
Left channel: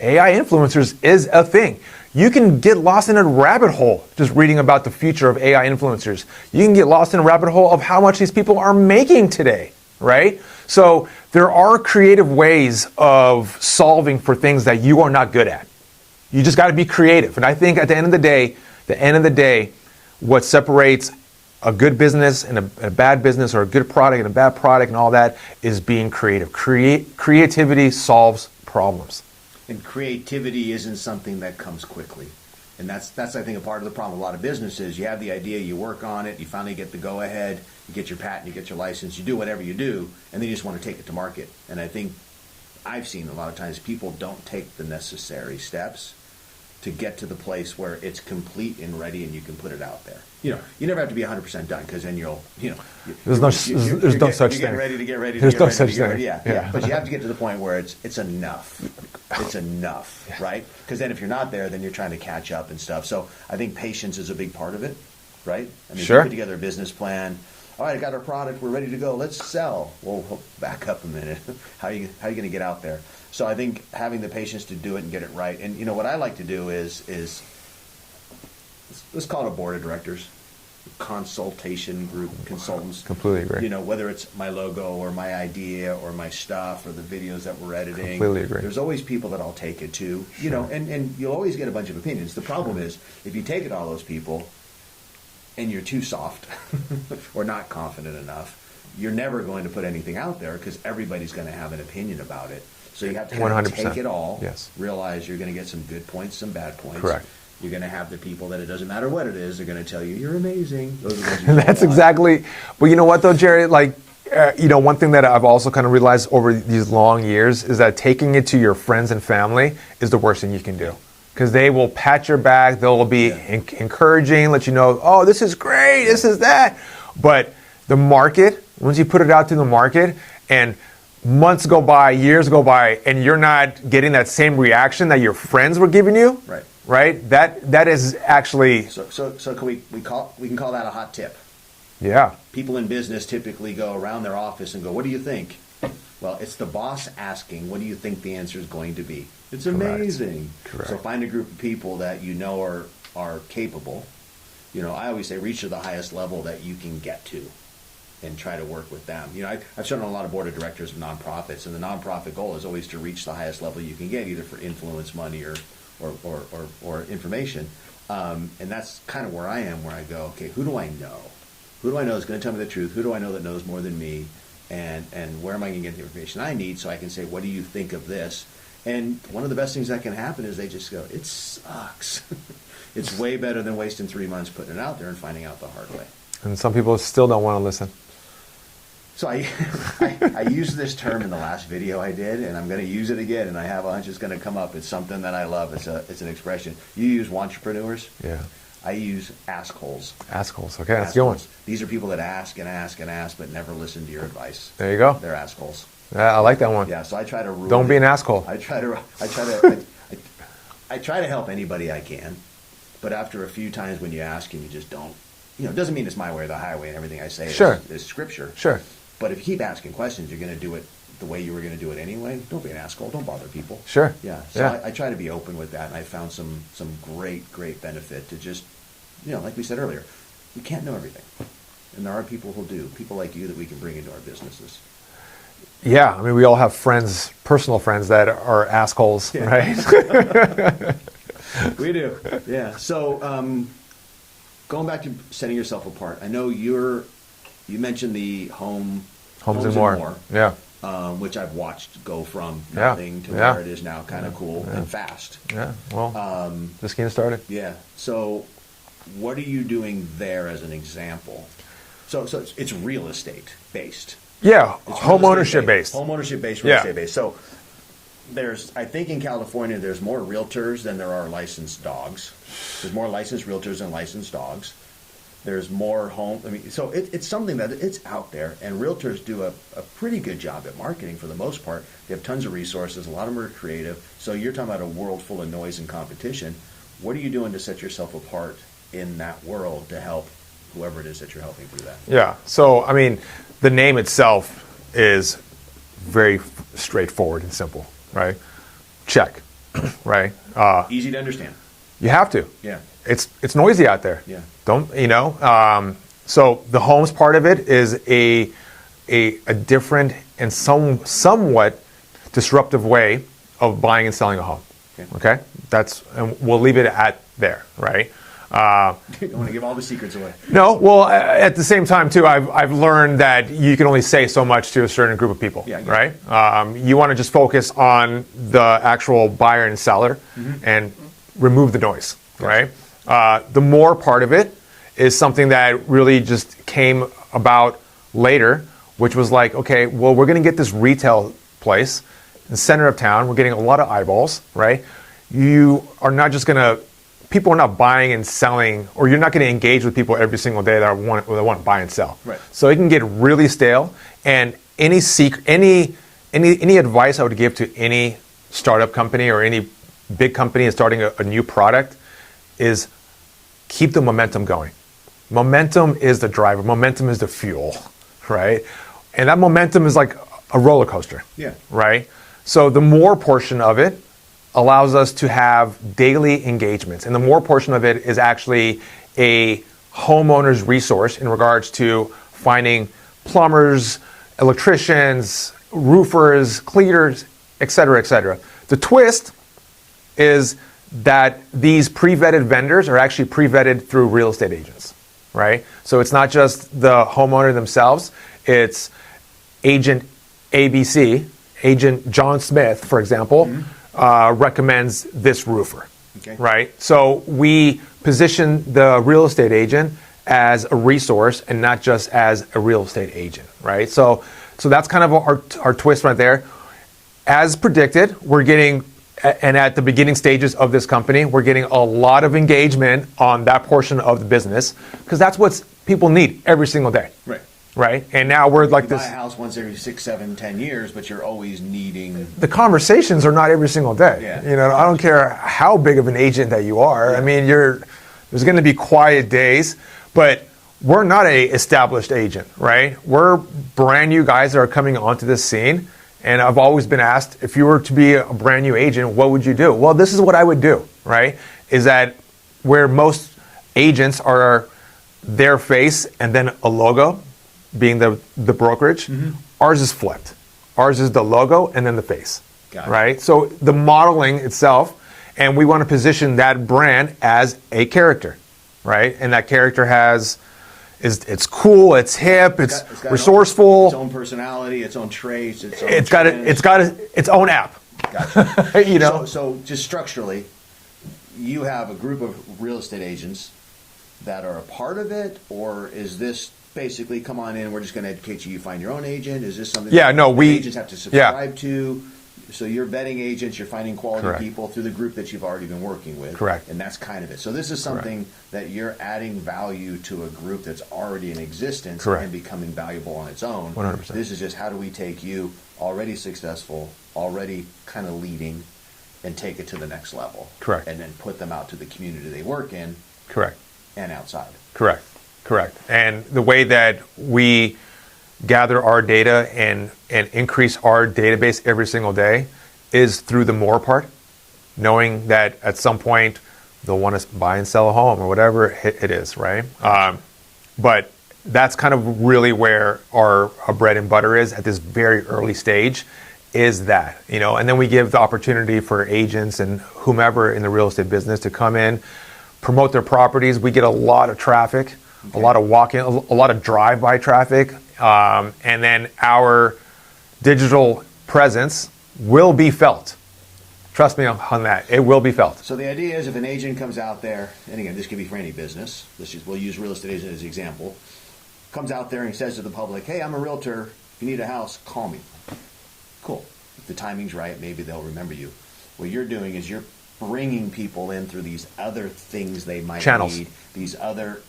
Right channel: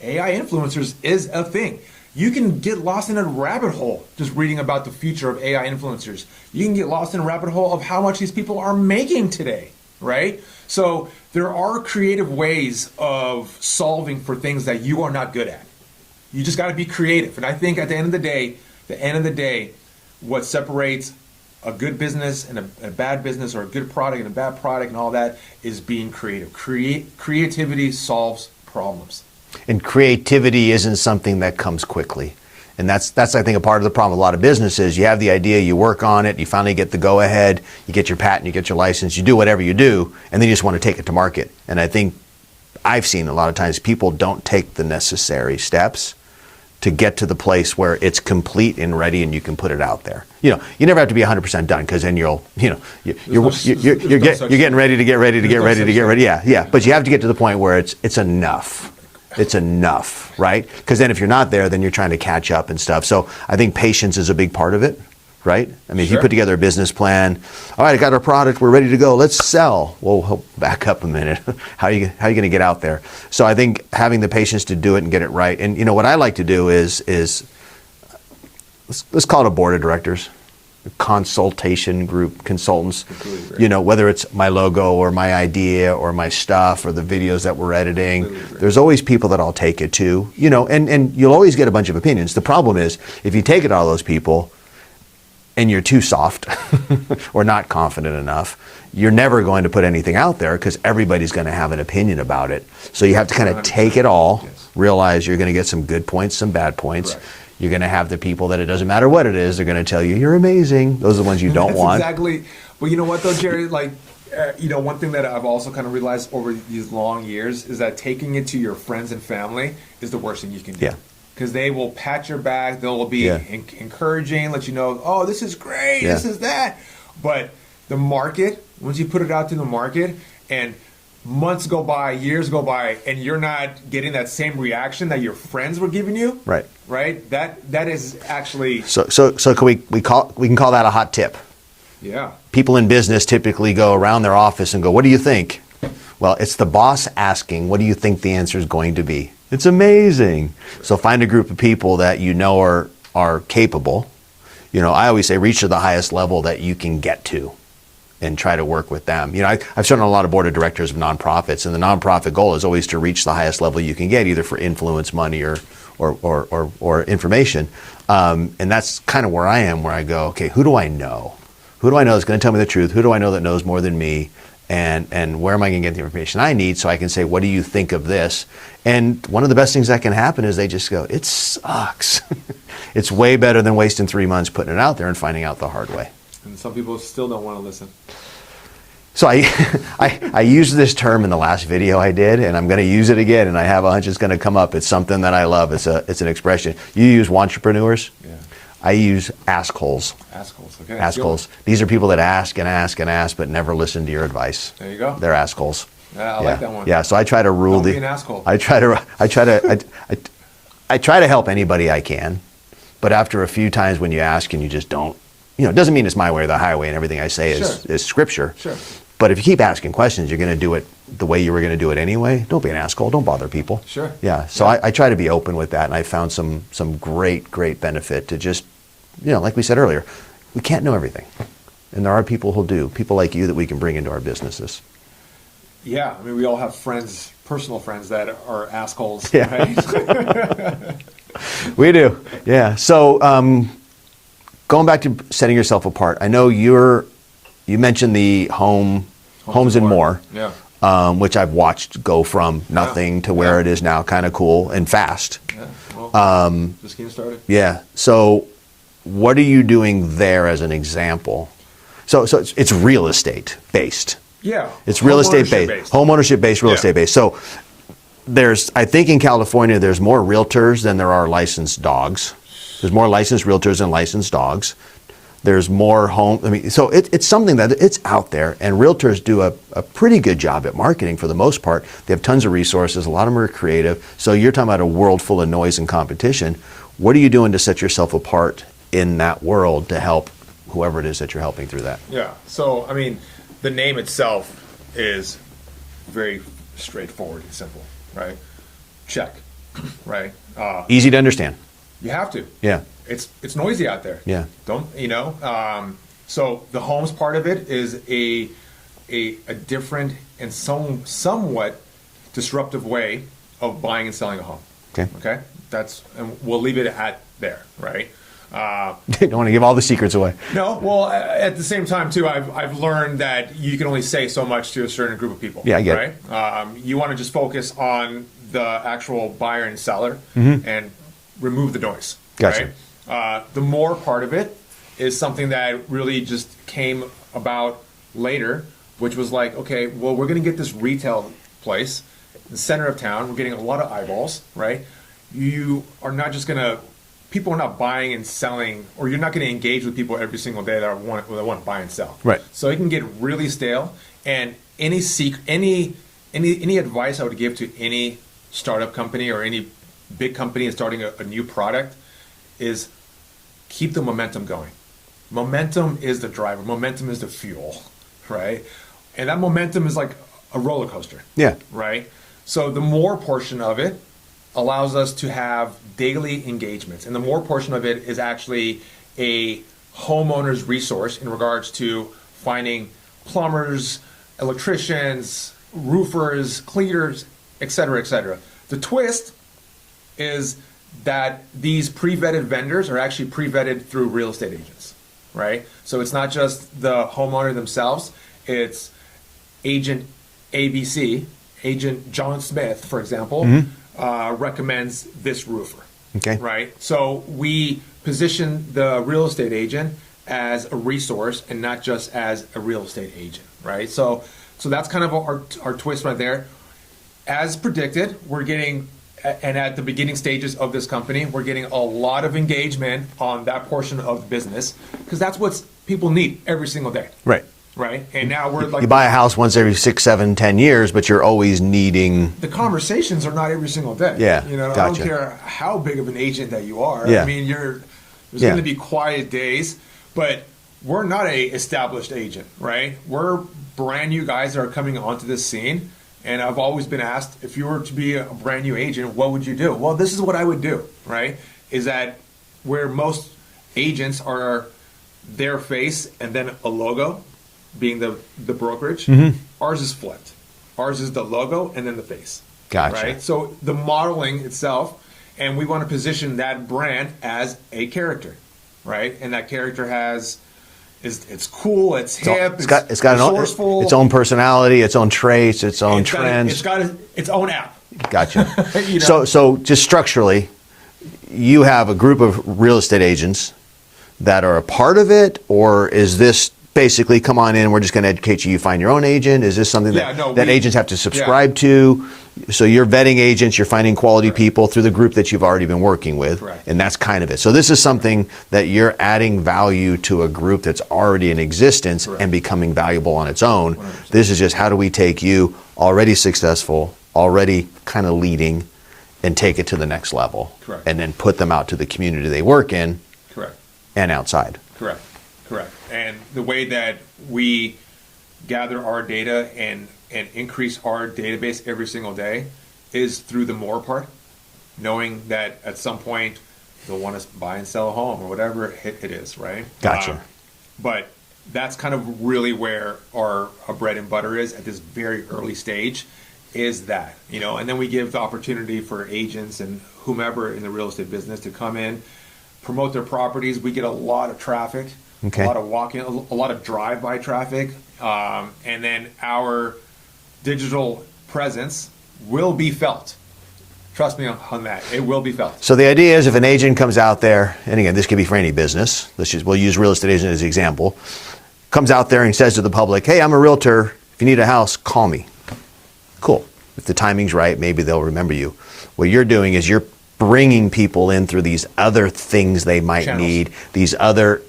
AI influencers is a thing. You can get lost in a rabbit hole just reading about the future of AI influencers. You can get lost in a rabbit hole of how much these people are making today, right? So there are creative ways of solving for things that you are not good at. You just got to be creative. And I think at the end of the day, what separates a good business and a bad business, or a good product and a bad product and all that, is being creative. Creativity solves problems. And creativity isn't something that comes quickly. And that's I think a part of the problem with a lot of businesses. You have the idea, you work on it, you finally get the go ahead, you get your patent, you get your license, you do whatever you do, and then you just want to take it to market. And I think I've seen a lot of times people don't take the necessary steps to get to the place where it's complete and ready and you can put it out there. You never have to be 100% done, because then you're getting ready to get ready to get ready to get ready. Yeah. But you have to get to the point where it's enough. It's enough, right? Because then if you're not there, then you're trying to catch up and stuff. So I think patience is a big part of it, right? I mean, If you put together a business plan, all right, I got our product, we're ready to go, let's sell. Well, back up a minute. How are you going to get out there? So I think having the patience to do it and get it right. And what I like to do is let's call it a board of directors, a consultation group, consultants. Completely agree. Whether it's my logo or my idea or my stuff or the videos that we're editing, Completely agree. there's always people that I'll take it to, and you'll always get a bunch of opinions. The problem is, if you take it to all those people, and you're too soft or not confident enough, you're never going to put anything out there because everybody's going to have an opinion about it. So you have to kind of 100%. take it all, Yes. realize you're going to get some good points, some bad points. Correct. You're going to have the people that it doesn't matter what it is, they're going to tell you you're amazing. Those are the ones you don't That's want. exactly. But you know what though, Jerry? Like, one thing that I've also kind of realized over these long years is that taking it to your friends and family is the worst thing you can do. Yeah. Because they will pat your back, they'll be Yeah. encouraging, let you know, oh, this is great, this Yeah. is that. But the market, once you put it out to the market and months go by, years go by, and you're not getting that same reaction that your friends were giving you, Right. Right? That is actually, So can we can call that a hot tip. yeah. People in business typically go around their office and go, "What do you think?" Well, it's the boss asking, "What do you think the answer is going to be?" It's amazing. Right. So find a group of people that you know are capable. I always say reach to the highest level that you can get to and try to work with them. I've shown a lot of board of directors of nonprofits, and the nonprofit goal is always to reach the highest level you can get, either for influence, money, or information. And that's kind of where I am, where I go, okay, who do I know? Who do I know that's going to tell me the truth? Who do I know that knows more than me? And where am I going to get the information I need so I can say, what do you think of this? And one of the best things that can happen is they just go, it sucks. It's way better than wasting 3 months putting it out there and finding out the hard way. And some people still don't want to listen. So I used this term in the last video I did, and I'm going to use it again, and I have a hunch it's going to come up. It's something that I love. It's an expression. You use entrepreneurs. Yeah. I use assholes. Assholes. Okay. That's the Assholes. These are people that ask and ask and ask, but never listen to your advice. There you go. They're assholes. Yeah, I like that one. Yeah. So I try to rule. Don't be an asshole. I try to help anybody I can, but after a few times when you ask and you just don't, it doesn't mean it's my way or the highway and everything I say Sure. is scripture. Sure. But if you keep asking questions, you're going to do it the way you were going to do it anyway. Don't be an asshole. Don't bother people. Sure. Yeah. So Yeah. I try to be open with that, and I found some great benefit to just, like we said earlier, we can't know everything, and there are people who do. People like you that we can bring into our businesses. Yeah, I mean, we all have friends, personal friends that are assholes, Yeah. right? We do. Yeah. So going back to setting yourself apart, I know you mentioned the Homes and More. Yeah. Which I've watched go from nothing to where it is now, kind of cool and fast. Yeah. Well, just getting started. Yeah. So what are you doing there as an example? So it's real estate based. Yeah. It's real estate homeownership based. Home ownership based, real Yeah. estate based. So I think in California, there's more realtors than there are licensed dogs. There's more licensed realtors than licensed dogs. There's more so it's something that it's out there, and realtors do a pretty good job at marketing for the most part. They have tons of resources. A lot of them are creative. So you're talking about a world full of noise and competition. What are you doing to set yourself apart in that world to help whoever it is that you're helping through that? Yeah. So, I mean, the name itself is very straightforward and simple, right? Check, right? Easy to understand. You have to. Yeah. It's noisy out there. Yeah. So the homes part of it is a different and somewhat disruptive way of buying and selling a home. Okay. And we'll leave it at there, right? You don't want to give all the secrets away. No, well, at the same time too, I've learned that you can only say so much to a certain group of people. Yeah, I get right? You want to just focus on the actual buyer and seller and remove the noise. Gotcha. Right? The more part of it is something that really just came about later, which was like, okay, well, we're going to get this retail place in the center of town. We're getting a lot of eyeballs, right? You are not just going to, people are not buying and selling, or you're not going to engage with people every single day that want to buy and sell. Right. So it can get really stale. And any advice I would give to any startup company or any big company is starting a new product is keep the momentum going. Momentum is the driver. Momentum is the fuel, right? And that momentum is like a roller coaster. Yeah. Right? So the more portion of it allows us to have daily engagements. And the more portion of it is actually a homeowner's resource in regards to finding plumbers, electricians, roofers, cleaners, et cetera, et cetera. The twist is that these pre-vetted vendors are actually pre-vetted through real estate agents. right? So it's not just the homeowner themselves, it's agent ABC, agent John Smith, for example, recommends this roofer, Okay. right? So we position the real estate agent as a resource and not just as a real estate agent, right? So that's kind of our twist right there. As predicted, we're getting, and at the beginning stages of this company, we're getting a lot of engagement on that portion of the business because that's what people need every single day. Right. Right. And now we're like, You buy a house once every 6, 7, 10 years, but you're always needing. the conversations are not every single day. Yeah, You know, I don't gotcha. care how big of an agent that you are. Yeah. I mean, there's going to be quiet days, but we're not a established agent, right? We're brand new guys that are coming onto this scene. And I've always been asked, if you were to be a brand new agent, what would you do? Well, this is what I would do, right? Is that where most agents are their face and then a logo, being the brokerage, ours is flipped. Ours is the logo and then the face. Gotcha. Right? So the modeling itself, and we want to position that brand as a character, right? And that character it's cool, it's hip, it's got resourceful, its own personality, its own traits, its own trends. It's got its own app. Gotcha. You know? So just structurally, you have a group of real estate agents that are a part of it, or is this basically come on in, we're just going to educate you, you find your own agent? Is this something that agents have to subscribe to? So you're vetting agents, you're finding quality Correct. people through the group that you've already been working with. Correct. And that's kind of it. So this is something that you're adding value to a group that's already in existence Correct. and becoming valuable on its own. 100%. This is just how do we take you already successful, already kind of leading, and take it to the next level. Correct. And then put them out to the community they work in Correct. and outside. Correct. And the way that we gather our data and increase our database every single day is through the more part, knowing that at some point they'll want to buy and sell a home or whatever it is, right? Gotcha. But that's kind of really where our bread and butter is at this very early stage, is that, you know, and then we give the opportunity for agents and whomever in the real estate business to come in, promote their properties. We get a lot of traffic. Okay. A lot of walk-in, a lot of drive-by traffic, and then our digital presence will be felt. Trust me on that. It will be felt. So the idea is if an agent comes out there, and again, this could be for any business. We'll use real estate agent as an example. Comes out there and says to the public, hey, I'm a realtor. If you need a house, call me. Cool. If the timing's right, maybe they'll remember you. What you're doing is you're bringing people in through these other things they might Channels. need, this other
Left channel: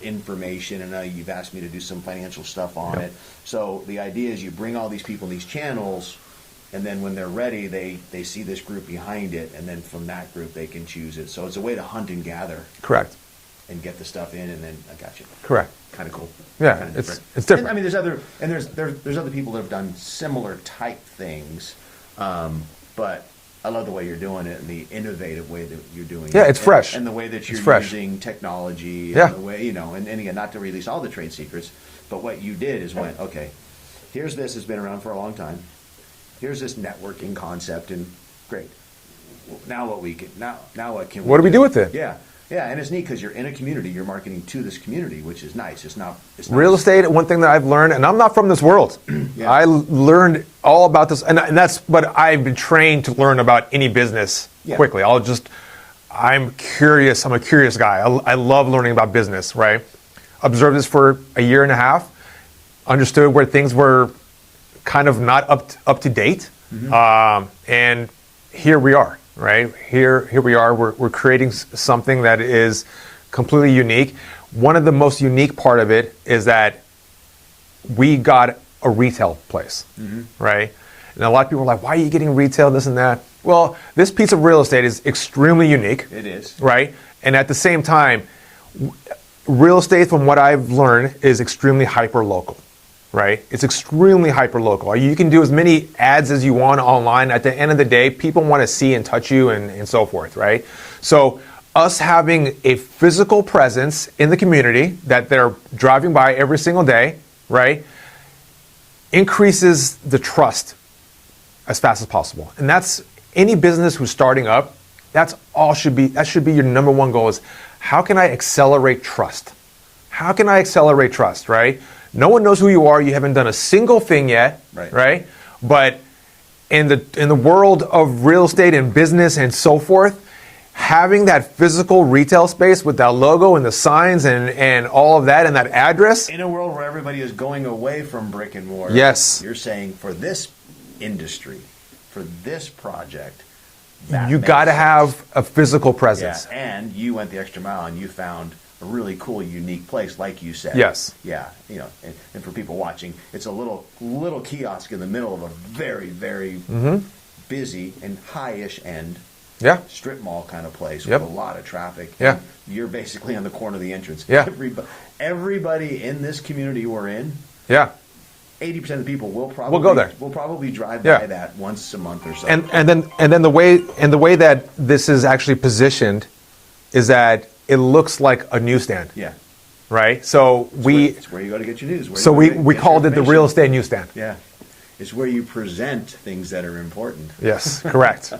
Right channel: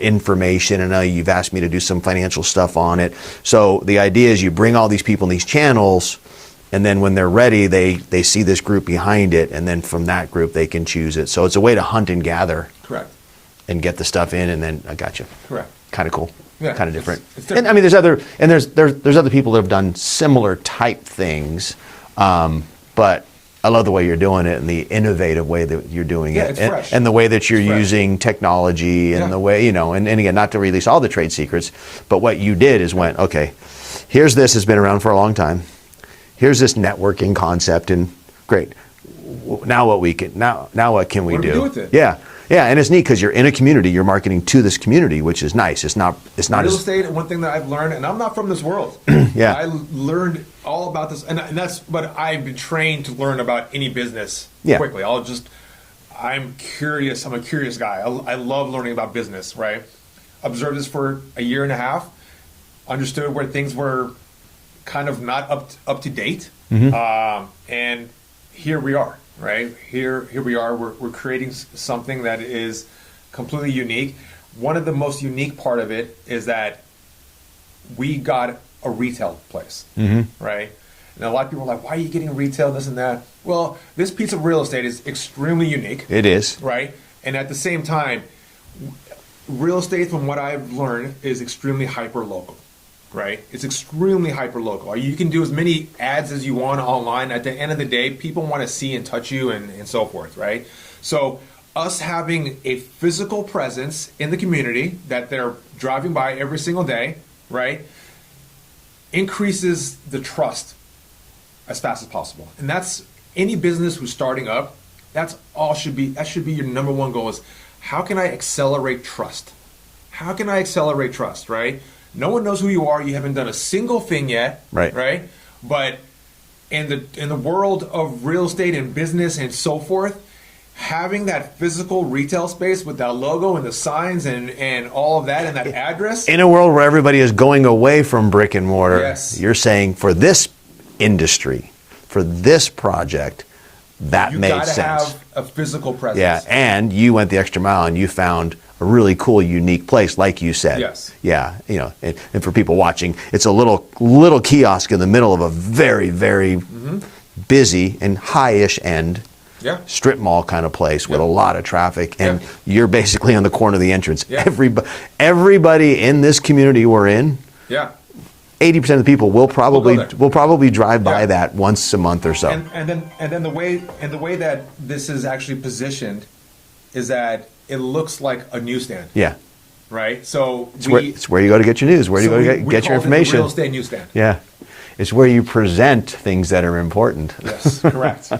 information, and you've asked me to do some financial stuff on it. So the idea is you bring all these people in these channels, and then when they're ready, they see this group behind it, and then from that group they can choose it. So it's a way to hunt and gather Correct. and get the stuff in, and then I got you. Correct. Kind of cool. Yeah, Kind of different. it's different. And, I mean, there's other people that have done similar type things, but I love the way you're doing it and the innovative way that you're doing it. Yeah, it's and, fresh. And the way that you're It's fresh. using technology and Yeah. the way, and again, not to release all the trade secrets, but what you did is went, okay, here's this has been around for a long time. Here's this networking concept, and great. Now what can we do? What do we do with it? Yeah. Yeah, and it's neat because you're in a community, you're marketing to this community, which is nice. It's not Real estate, one thing that I've learned, and I'm not from this world. Yeah. I learned all about this, and that's what I've been trained to learn about any business quickly. I'm curious. I'm a curious guy. I love learning about business, right? Observed this for a year and a half, understood where things were kind of not up to date, and here we are. Right here we are. We're creating something that is completely unique. One of the most unique part of it is that we got a retail place, right? And a lot of people are like, "Why are you getting retail? This and that." Well, this piece of real estate is extremely unique. It is. Right, and at the same time, real estate, from what I've learned, is extremely hyper local. Right? It's extremely hyper local. You can do as many ads as you want online. At the end of the day, people want to see and touch you and so forth, right? So us having a physical presence in the community that they're driving by every single day, right, increases the trust as fast as possible. And that's any business who's starting up, that should be your number one goal is how can I accelerate trust? how can I accelerate trust, right? No one knows who you are. You haven't done a single thing yet, right? But in the world of real estate and business and so forth, having that physical retail space with that logo and the signs and all of that and that address. In a world where everybody is going away from brick and mortar, yes, you're saying for this industry, for this project, that you makes got to sense. have a physical presence. Yeah, and you went the extra mile and you found a really cool, unique place, like you said. Yes. Yeah, you know, and for people watching, it's a little kiosk in the middle of a very, very busy and high-ish end strip mall kind of place with a lot of traffic, and you're basically on the corner of the entrance. Yeah. Everybody in this community we're in, 80% of the people will probably drive by that once a month or so. And then the way that this is actually positioned is that it looks like a newsstand. Yeah. Right? So it's where you go to get your news. Where do you go to get we your called it the information. real estate newsstand. Yeah. It's where you present things that are important. Yes, correct.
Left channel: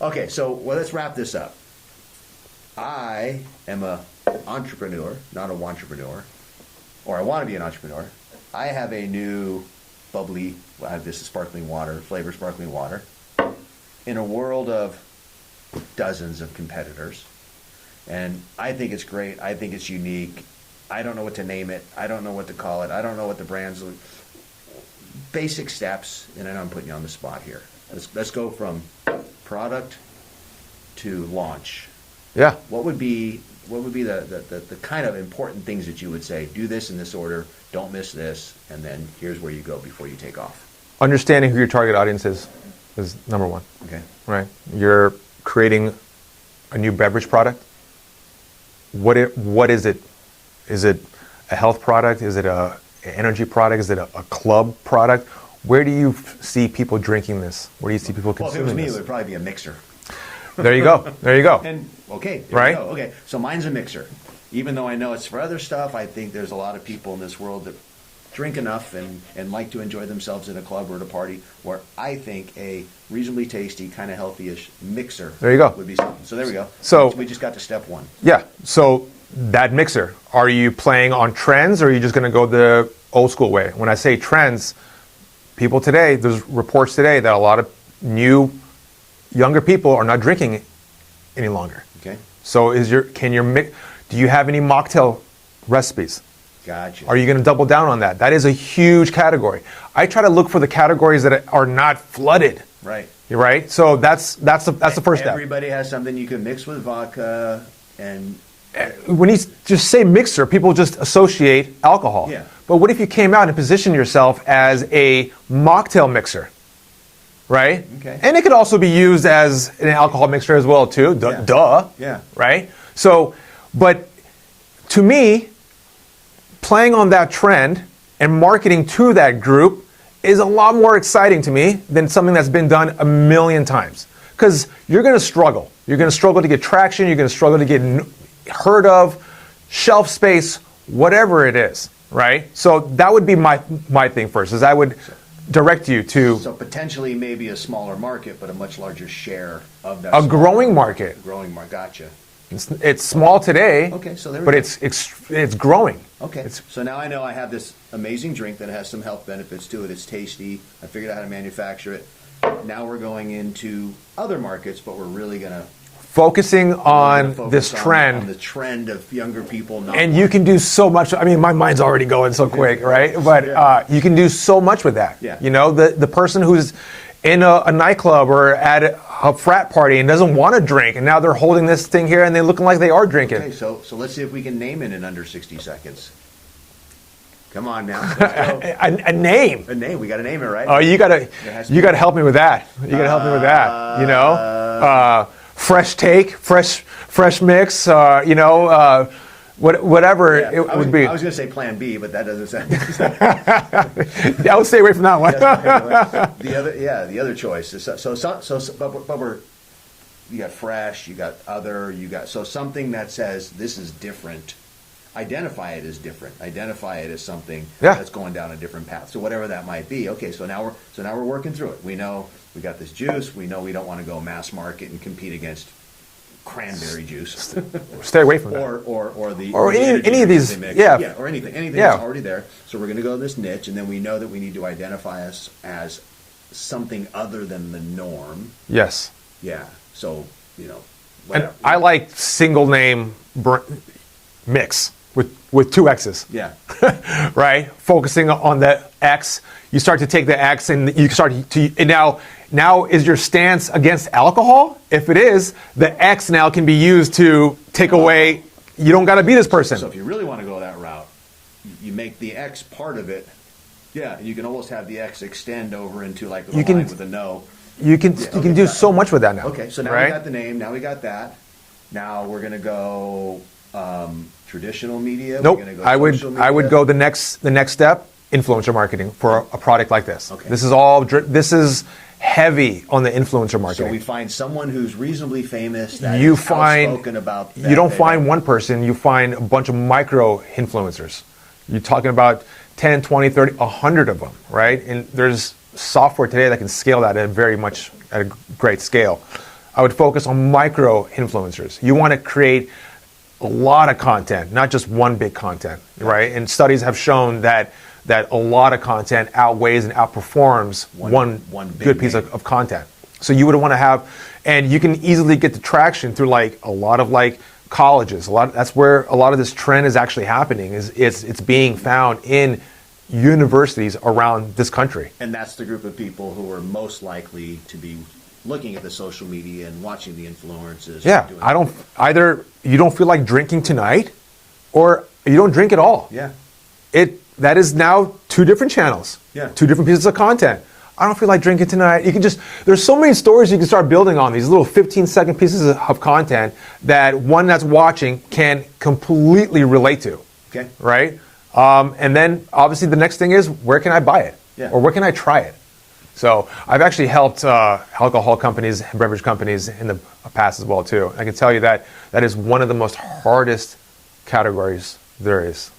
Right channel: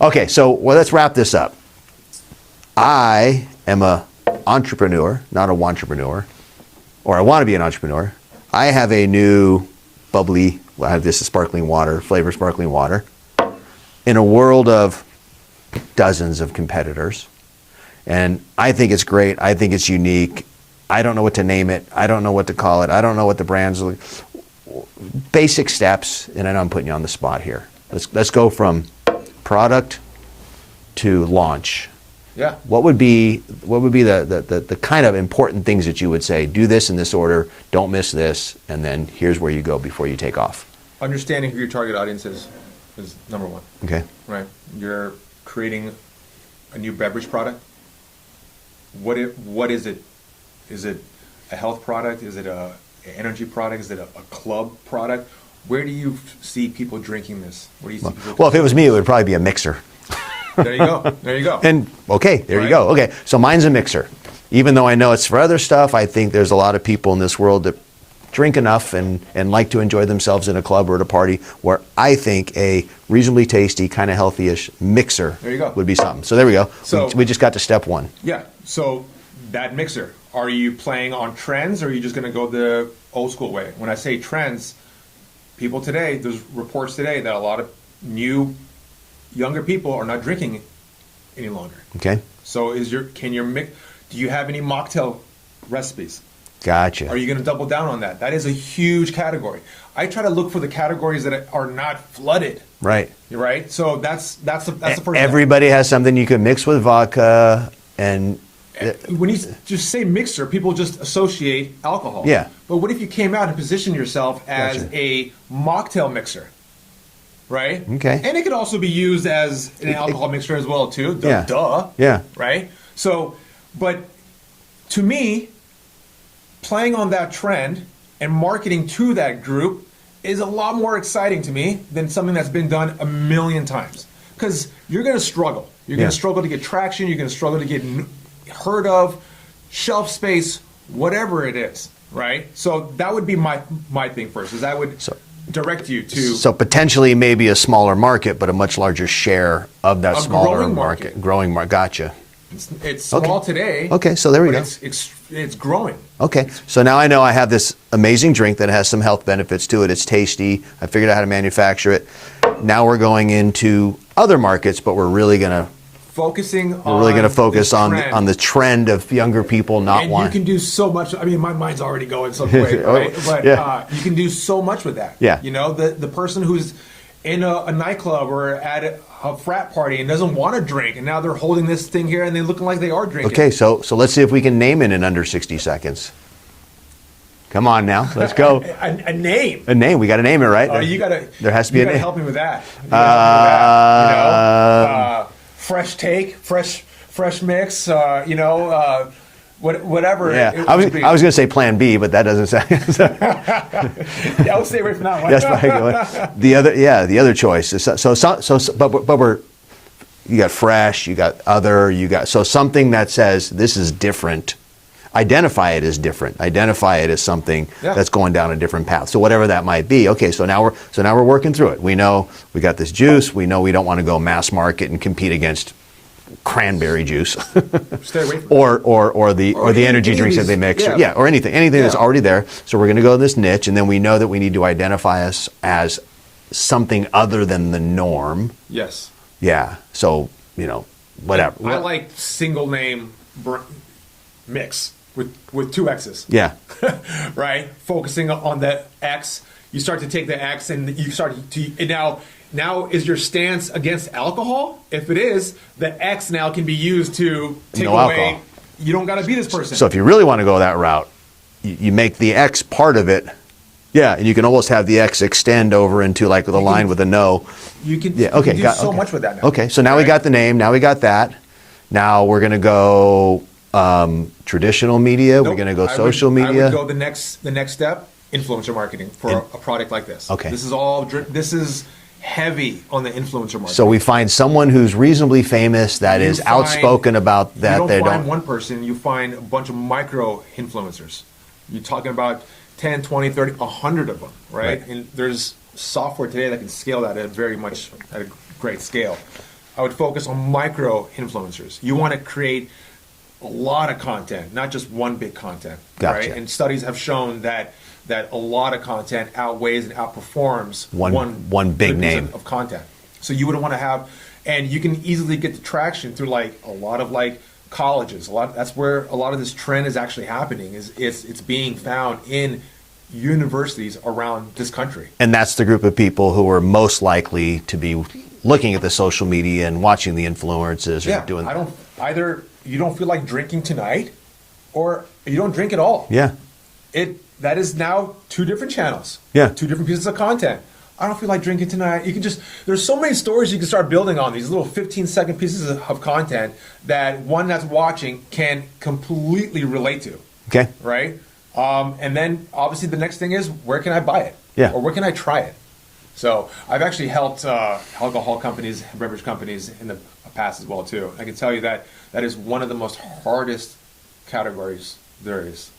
Okay, so let's wrap this up. I am an entrepreneur, not a wantrepreneur, or I want to be an entrepreneur. I have a new bubbly, this is sparkling water, flavor sparkling water, in a world of dozens of competitors. And I think it's great. I think it's unique. I don't know what to name it. I don't know what to call it. I don't know what the brand's like. Basic steps, and I know I'm putting you on the spot here. Let's go from product to launch. Yeah. What would be the kind of important things that you would say? Do this in this order. Don't miss this, and then here's where you go before you take off. Understanding who your target audience is number one. Okay. Right. You're creating a new beverage product. What is it? Is it a health product? Is it an energy product? Is it a club product? Where do you see people drinking this? Where do you see people? Well, if it was me, it would probably be a mixer. There you go. There you go. And okay, there you go. Okay, so mine's a mixer. Even though I know it's for other stuff, I think there's a lot of people in this world that drink enough and like to enjoy themselves in a club or at a party, where I think a reasonably tasty, kind of healthy-ish mixer would be something. So there we go. So we just got to step one. Yeah. So that mixer, are you playing on trends, or are you just going to go the old school way? When I say trends, people today, there's reports today that a lot of younger people are not drinking any longer. Okay. So do you have any mocktail recipes? Gotcha. Are you going to double down on that? That is a huge category. I try to look for the categories that are not flooded. Right. Right. So that's the first step. Everybody has something you can mix with vodka, and when you just say mixer, people just associate alcohol. Yeah. But what if you came out and positioned yourself as a mocktail mixer? Right? Okay. And it could also be used as an alcohol mixer as well, too. Duh. Yeah. Right? So, but to me, playing on that trend and marketing to that group is a lot more exciting to me than something that's been done a million times. Because you're going to struggle. You're going to struggle to get traction. You're going to struggle to get heard of, shelf space, whatever it is. Right? So that would be my thing first, is I would direct you to... So potentially maybe a smaller market, but a much larger share of that growing market. Growing market. Gotcha. It's small today. Okay, so there we go. But it's growing. Okay, so now I know I have this amazing drink that has some health benefits to it. It's tasty. I figured out how to manufacture it. Now we're going into other markets, but we're really going to focus on the trend of younger people not wanting. And you can do so much. I mean, my mind's already going so quick, right? But you can do so much with that. Yeah. You know, the person who's in a nightclub or at a frat party and doesn't want to drink, and now they're holding this thing here and they're looking like they are drinking. Okay, so let's see if we can name it in under 60 seconds. Come on now, let's go. A name. A name. We got to name it, right? Oh, There has to be. You got to help me with that. You got to help me with that. You know, fresh take, fresh mix. Whatever it would be. I was going to say Plan B, but that doesn't sound. I would stay away from that one. The other choice is but you got fresh, you got other, you got something that says this is different. Identify it as different. Identify it as something that's going down a different path. So whatever that might be. Okay, so now we're working through it. We know we got this juice. We know we don't want to go mass market and compete against cranberry juice, Stay away from that. or the energy any of drinks these- that they mix, yeah. or anything that's Yeah. already there. So we're going to go to this niche, and then we know that we need to identify us as something other than the norm. Yes. Yeah. So whatever. I like single name mix with two X's. Yeah. Right? Focusing on that X, you start to take the X and you start to and now is your stance against alcohol? If it is, the X now can be used to take No away. alcohol. You don't got to be this person. So if you really want to go that route, you make the X part of it. Yeah, and you can almost have the X extend over into like the line with a no. you can, Yeah, you okay, can do so okay. much with that now. Okay, so now we right? got the name. Now we got that. Now we're going to go traditional media. Nope. We're going to go I social media. I would go the next step, influencer marketing for a product like this. Okay. This is heavy on the influencer marketing. So we find someone who's reasonably famous that You is find- outspoken about that. You don't they find one person, you find a bunch of micro influencers. You're talking about 10, 20, 30, 100 of them, right? And there's software today that can scale that at a great scale. I would focus on micro influencers. You want to create a lot of content, not just one big content, Gotcha. right? And studies have shown that a lot of content outweighs and outperforms One big good piece name. of content. So you would want to have, and you can easily get the traction through like a lot of like colleges. That's where a lot of this trend is actually happening. It's being found in universities around this country. And that's the group of people who are most likely to be looking at the social media and watching the influencers. Yeah, Doing either you don't feel like drinking tonight, or you don't drink at all. Yeah. That is now two different channels. Yeah. Two different pieces of content. I don't feel like drinking tonight. You can there's so many stories you can start building on, these little 15-second pieces of content that one that's watching can completely relate to. Okay. Right? And then obviously the next thing is, where can I buy it? Yeah. Or where can I try it? So I've actually helped alcohol companies and beverage companies in the past as well too. I can tell you that is one of the most hardest categories there is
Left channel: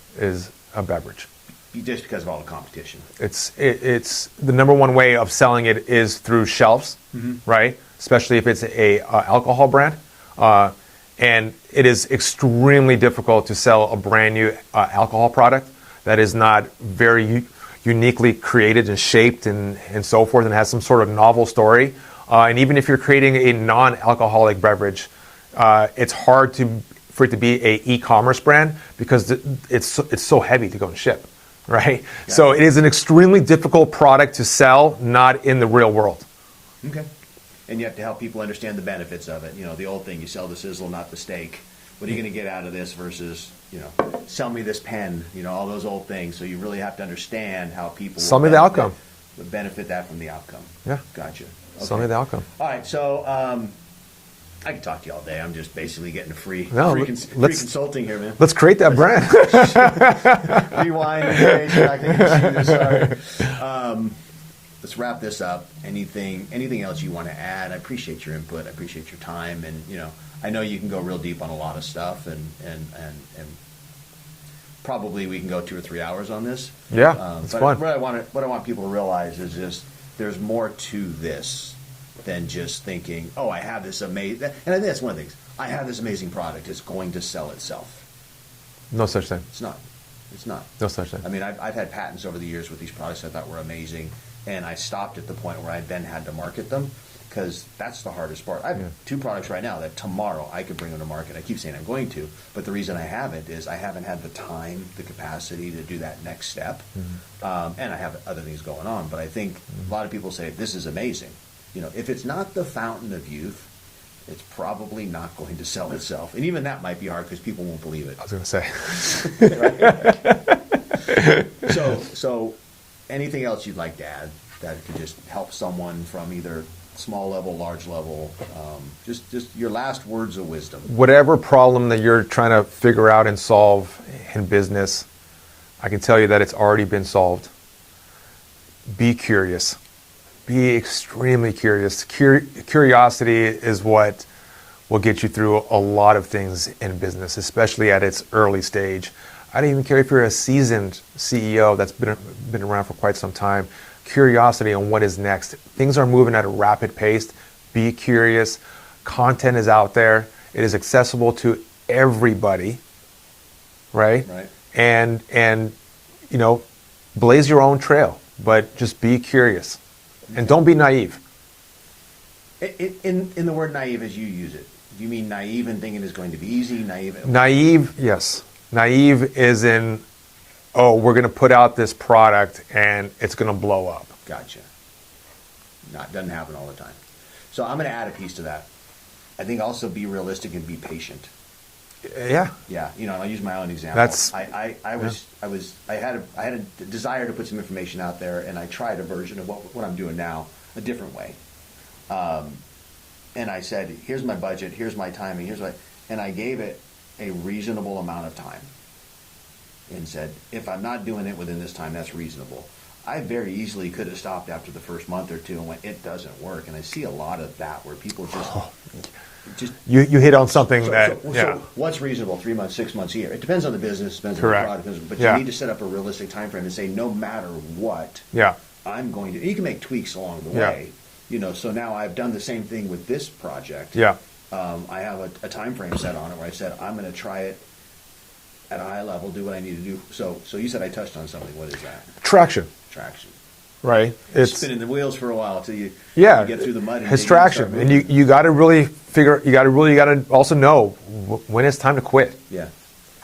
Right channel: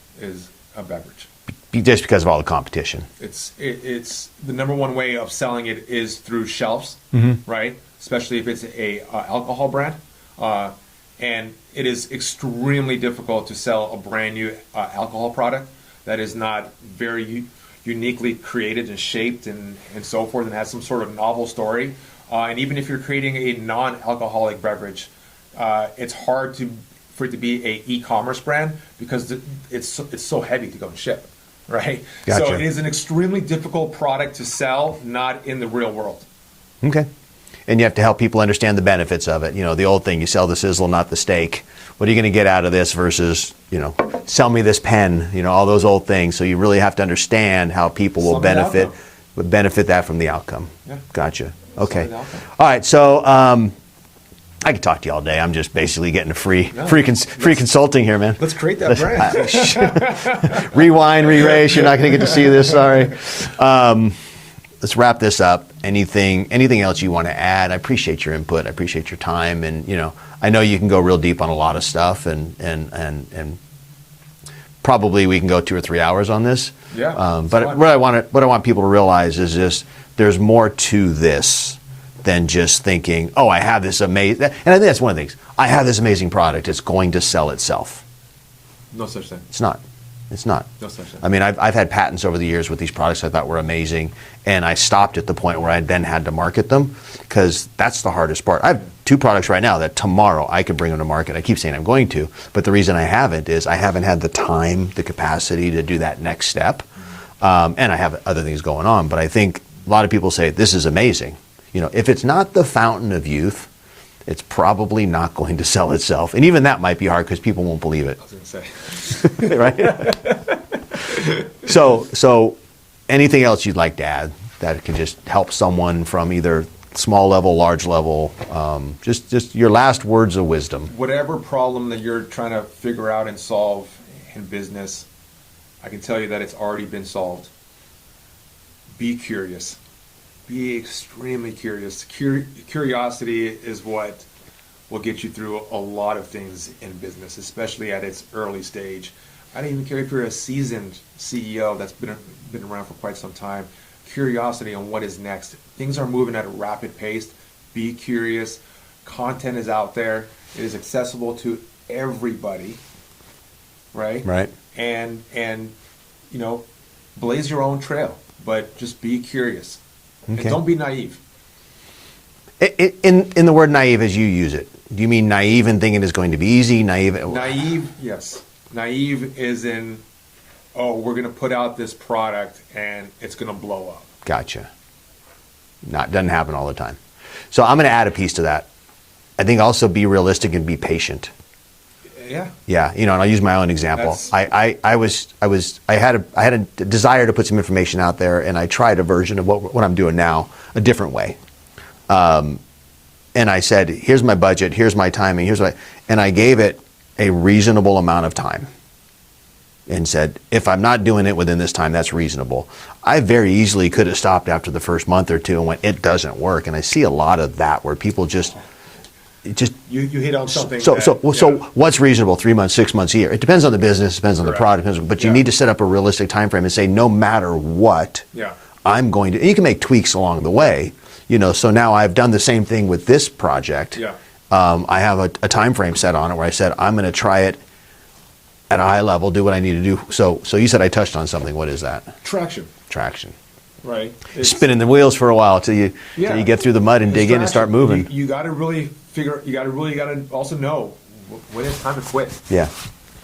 a beverage. Just because of all the competition. It's the number one way of selling it is through shelves, right? Especially if it's a alcohol brand, and it is extremely difficult to sell a brand new alcohol product that is not very uniquely created and shaped and so forth, and has some sort of novel story. And even if you're creating a non-alcoholic beverage, it's hard for it to be a e-commerce brand because it's so heavy to go and ship. Right? Gotcha. So it is an extremely difficult product to sell, not in the real world. Okay. And you have to help people understand the benefits of it. The old thing, you sell the sizzle, not the steak. What are you going to get out of this versus, sell me this pen, all those old things. So you really have to understand how people will benefit that from the outcome. Yeah. Gotcha. Sell Okay. me the outcome. All right. So I could talk to you all day. I'm just basically getting a free consulting here, man. Let's create that brand. Rewind, re-race. You're not going to get to see this. Sorry. Let's wrap this up. Anything else you want to add? I appreciate your input. I appreciate your time, and I know you can go real deep on a lot of stuff, and probably we can go 2 or 3 hours on this. Yeah. But fun. what I want people to realize is just there's more to this than just thinking, oh, I have this amazing, and I think that's one of the things. I have this amazing product. It's going to sell itself. No such thing. It's not. It's not. No such thing. I mean, I've had patents over the years with these products I thought were amazing, and I stopped at the point where I then had to market them because that's the hardest part. I have 2 products right now that tomorrow I could bring them to market. I keep saying I'm going to, but the reason I haven't is I haven't had the time, the capacity to do that next step, and I have other things going on. But I think a lot of people say, this is amazing. If it's not the fountain of youth, it's probably not going to sell itself. And even that might be hard because people won't believe it. I was going to say. Right? So anything else you'd like to add that can just help someone from either small level, large level, just your last words of wisdom. Whatever problem that you're trying to figure out and solve in business, I can tell you that it's already been solved. Be curious. Be extremely curious. Curiosity is what will get you through a lot of things in business, especially at its early stage. I don't even care if you're a seasoned CEO that's been around for quite some time. Curiosity on what is next. Things are moving at a rapid pace. Be curious. Content is out there. It is accessible to everybody, right? Right. And you know, blaze your own trail, but just be curious and don't be naive. In the word naive as you use it, do you mean naive in thinking it's going to be easy? Naive, yes. Naive is in, oh, we're going to put out this product and it's going to blow up. Gotcha. Doesn't happen all the time. So I'm going to add a piece to that. I think also be realistic and be patient. Yeah. Yeah, you know, and I'll use my own example. I had a desire to put some information out there, and I tried a version of what I'm doing now, a different way. And I said, here's my budget, here's my timing, and I gave it a reasonable amount of time. And said, if I'm not doing it within this time, that's reasonable. I very easily could have stopped after the first month or two and went, it doesn't work. And I see a lot of that where people you hit on something. So what's reasonable? 3 months, 6 months, a year? It depends on the business, depends on the product, but you need to set up a realistic time frame and say, no matter what, I'm going to. And you can make tweaks along the way, you know. So now I've done the same thing with this project. I have a time frame set on it where I said I'm going to try it at a high level, do what I need to do. So you said I touched on something. What is that? Traction. Right. It's spinning the wheels for a while till you get through the mud and dig in and start moving. You got to really you got to also know when it's time to quit. Yeah.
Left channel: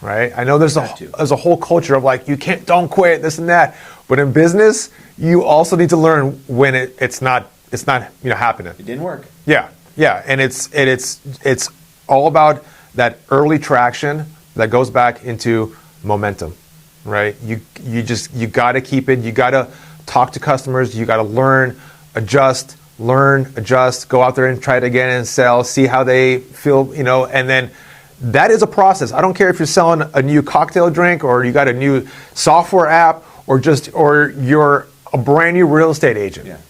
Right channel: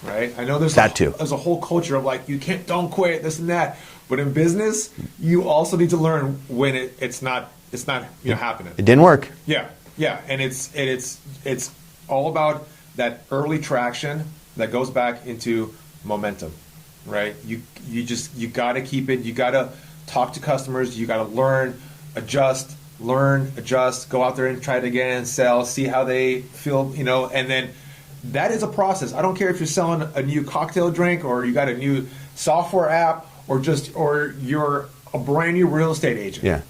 Right. I know there's a whole culture of like, don't quit, this and that. But in business, you also need to learn when it's not happening. It didn't work. Yeah. And it's all about that early traction that goes back into momentum, right? You got to keep it. You got to talk to customers. You got to learn, adjust, go out there and try it again and sell, see how they feel, you know, and then that is a process. I don't care if you're selling a new cocktail drink or you got a new software app or you're a brand new real estate agent. Yeah.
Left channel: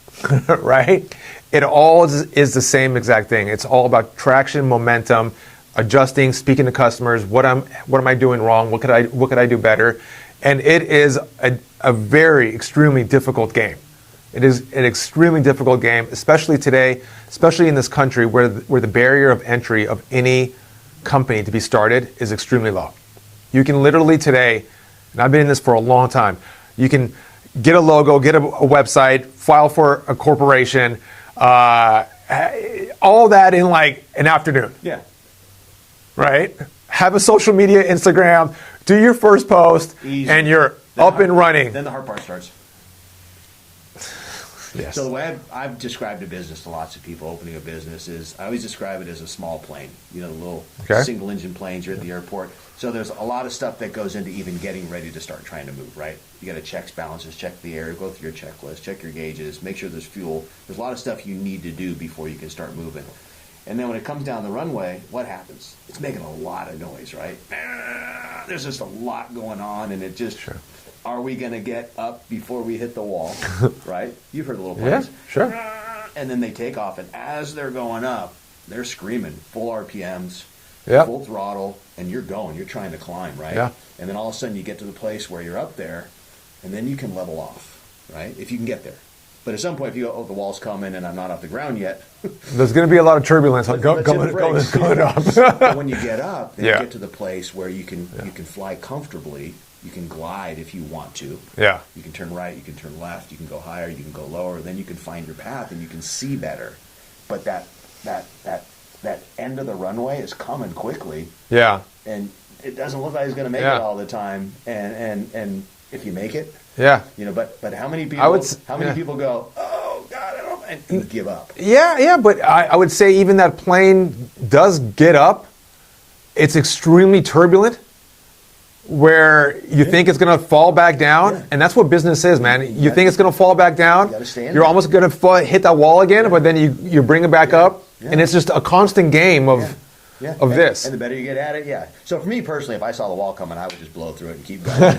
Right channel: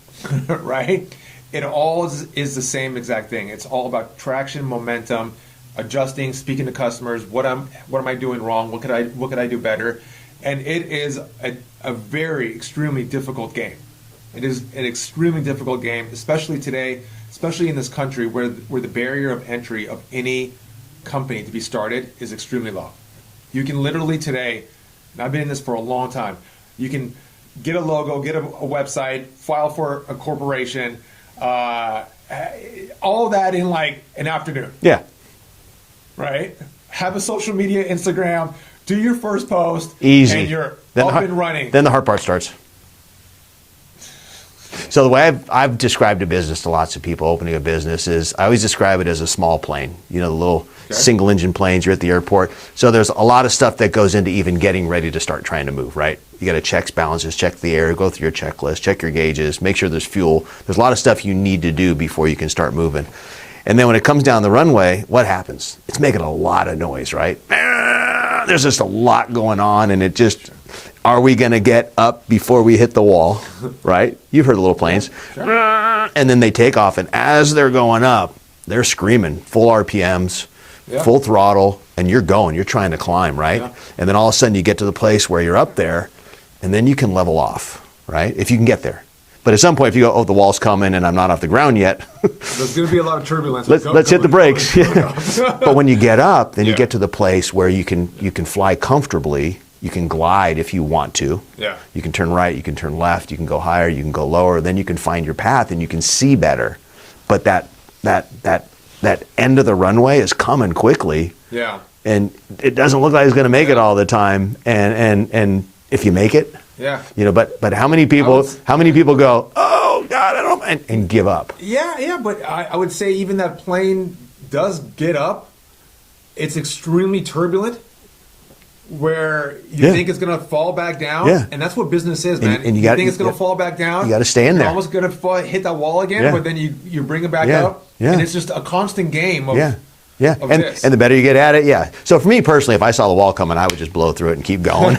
Right? It all is the same exact thing. It's all about traction, momentum, adjusting, speaking to customers. What am I doing wrong? What could I do better? And it is a very extremely difficult game. It is an extremely difficult game, especially today, especially in this country where the barrier of entry of any company to be started is extremely low. You can literally today, and I've been in this for a long time, you can get a logo, get a website, file for a corporation, all that in like an afternoon. Yeah. Right? Have a social media Instagram, do your first post, easy, and you're up and running. Then the hard part starts. Yeah. So the way I've described a business to lots of people opening a business is I always describe it as a small plane. You know, the little single engine planes, you're at the airport. So there's a lot of stuff that goes into even getting ready to start trying to move, right? You got to check balances, check the air, go through your checklist, check your gauges, make sure there's fuel. There's a lot of stuff you need to do before you can start moving. And then when it comes down the runway, what happens? It's making a lot of noise, right? There's just a lot going on, and it just, are we going to get up before we hit the wall, right? You've heard the little planes. Yeah, sure. And then they take off, and as they're going up, they're screaming, full RPMs, full throttle, and you're going, you're trying to climb, right? Yeah. And then all of a sudden you get to the place where you're up there, and then you can level off, right? If you can get there. But at some point, if you go, oh, the wall's coming and I'm not off the ground yet. There's going to be a lot of turbulence. Let's hit the brakes. But when you get up, then you get to the place where you can fly comfortably. You can glide if you want to. Yeah. You can turn right, you can turn left, you can go higher, you can go lower. Then you can find your path and you can see better. But that end of the runway is coming quickly. Yeah. And it doesn't look like it's going to make it all the time. And if you make it, you know, but how many people people go, oh God, I don't, and give up? Yeah, but I would say even that plane does get up. It's extremely turbulent, where you think it's going to fall back down, and that's what business is, man. And you think it's going to fall back down. You got to stand You're there. almost going to hit that wall again, but then you bring it back up, and it's just a constant game of. Of this. And the better you get at it, So for me personally, if I saw the wall coming, I would just blow through it and keep going.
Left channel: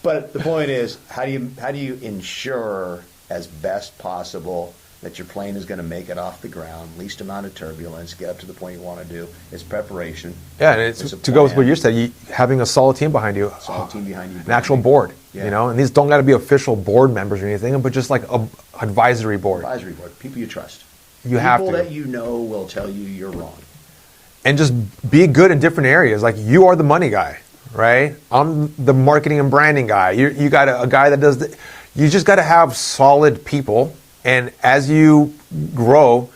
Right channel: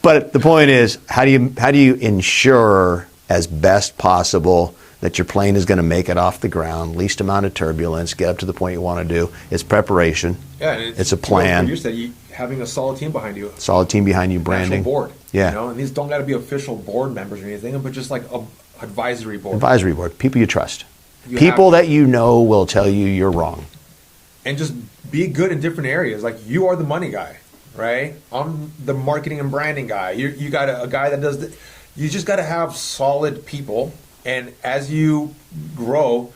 But the point is, how do you ensure as best possible that your plane is going to make it off the ground, least amount of turbulence, get up to the point you want to do? It's preparation. Yeah, it's a plan. To go with what you said, having a solid team behind you. Solid team behind you, branding. An actual board. Yeah. You know, and these don't got to be official board members or anything, but just like a advisory board. Advisory board, people you trust. You have People to. that you know will tell you you're wrong. And just be good in different areas. Like, you are the money guy, right? I'm the marketing and branding guy. You got a guy that does you just got to have solid people. And as you grow,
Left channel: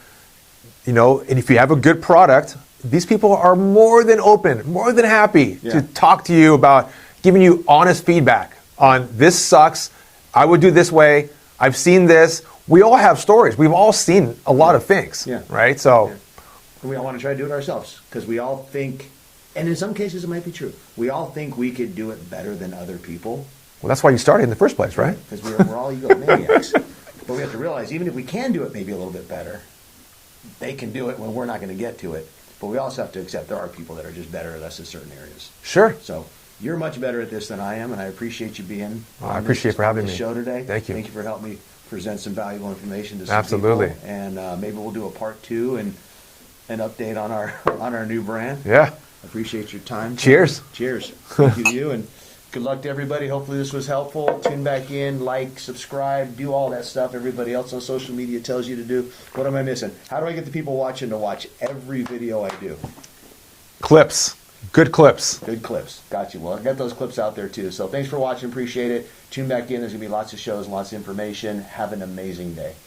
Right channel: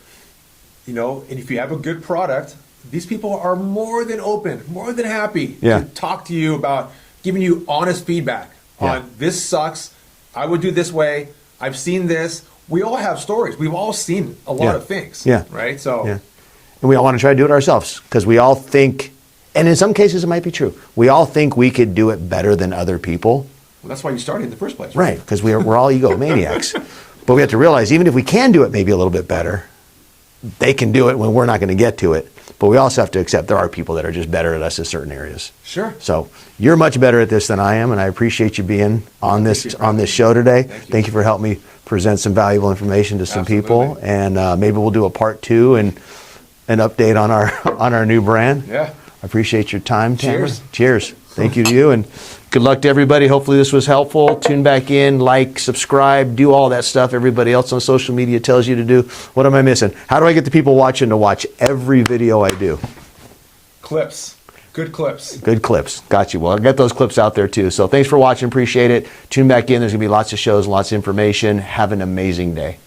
and if you have a good product, these people are more than open, more than happy to talk to you about giving you honest feedback on this sucks. I would do this way. I've seen this. We all have stories. We've all seen a lot of things, right? So, and we all want to try to do it ourselves because we all think, and in some cases it might be true, we all think we could do it better than other people. Well, that's why you started in the first place, right? Right, because we're all egomaniacs. But we have to realize, even if we can do it maybe a little bit better, they can do it when we're not going to get to it. But we also have to accept there are people that are just better at us in certain areas. Sure. So you're much better at this than I am, and I appreciate you being on this show today. Thank you. Thank you for helping me present some valuable information to some Absolutely. people, and maybe we'll do a part 2 and an update on our new brand. Yeah. I appreciate your time. Cheers. Tamer. Cheers. Thank you to you, and good luck to everybody. Hopefully this was helpful. Tune back in, like, subscribe, do all that stuff everybody else on social media tells you to do. What am I missing? How do I get the people watching to watch every video I do? Clips. Good clips. Good clips. Got you. Well, I'll get those clips out there too. So thanks for watching. Appreciate it. Tune back in. There's going to be lots of shows, lots of information. Have an amazing day.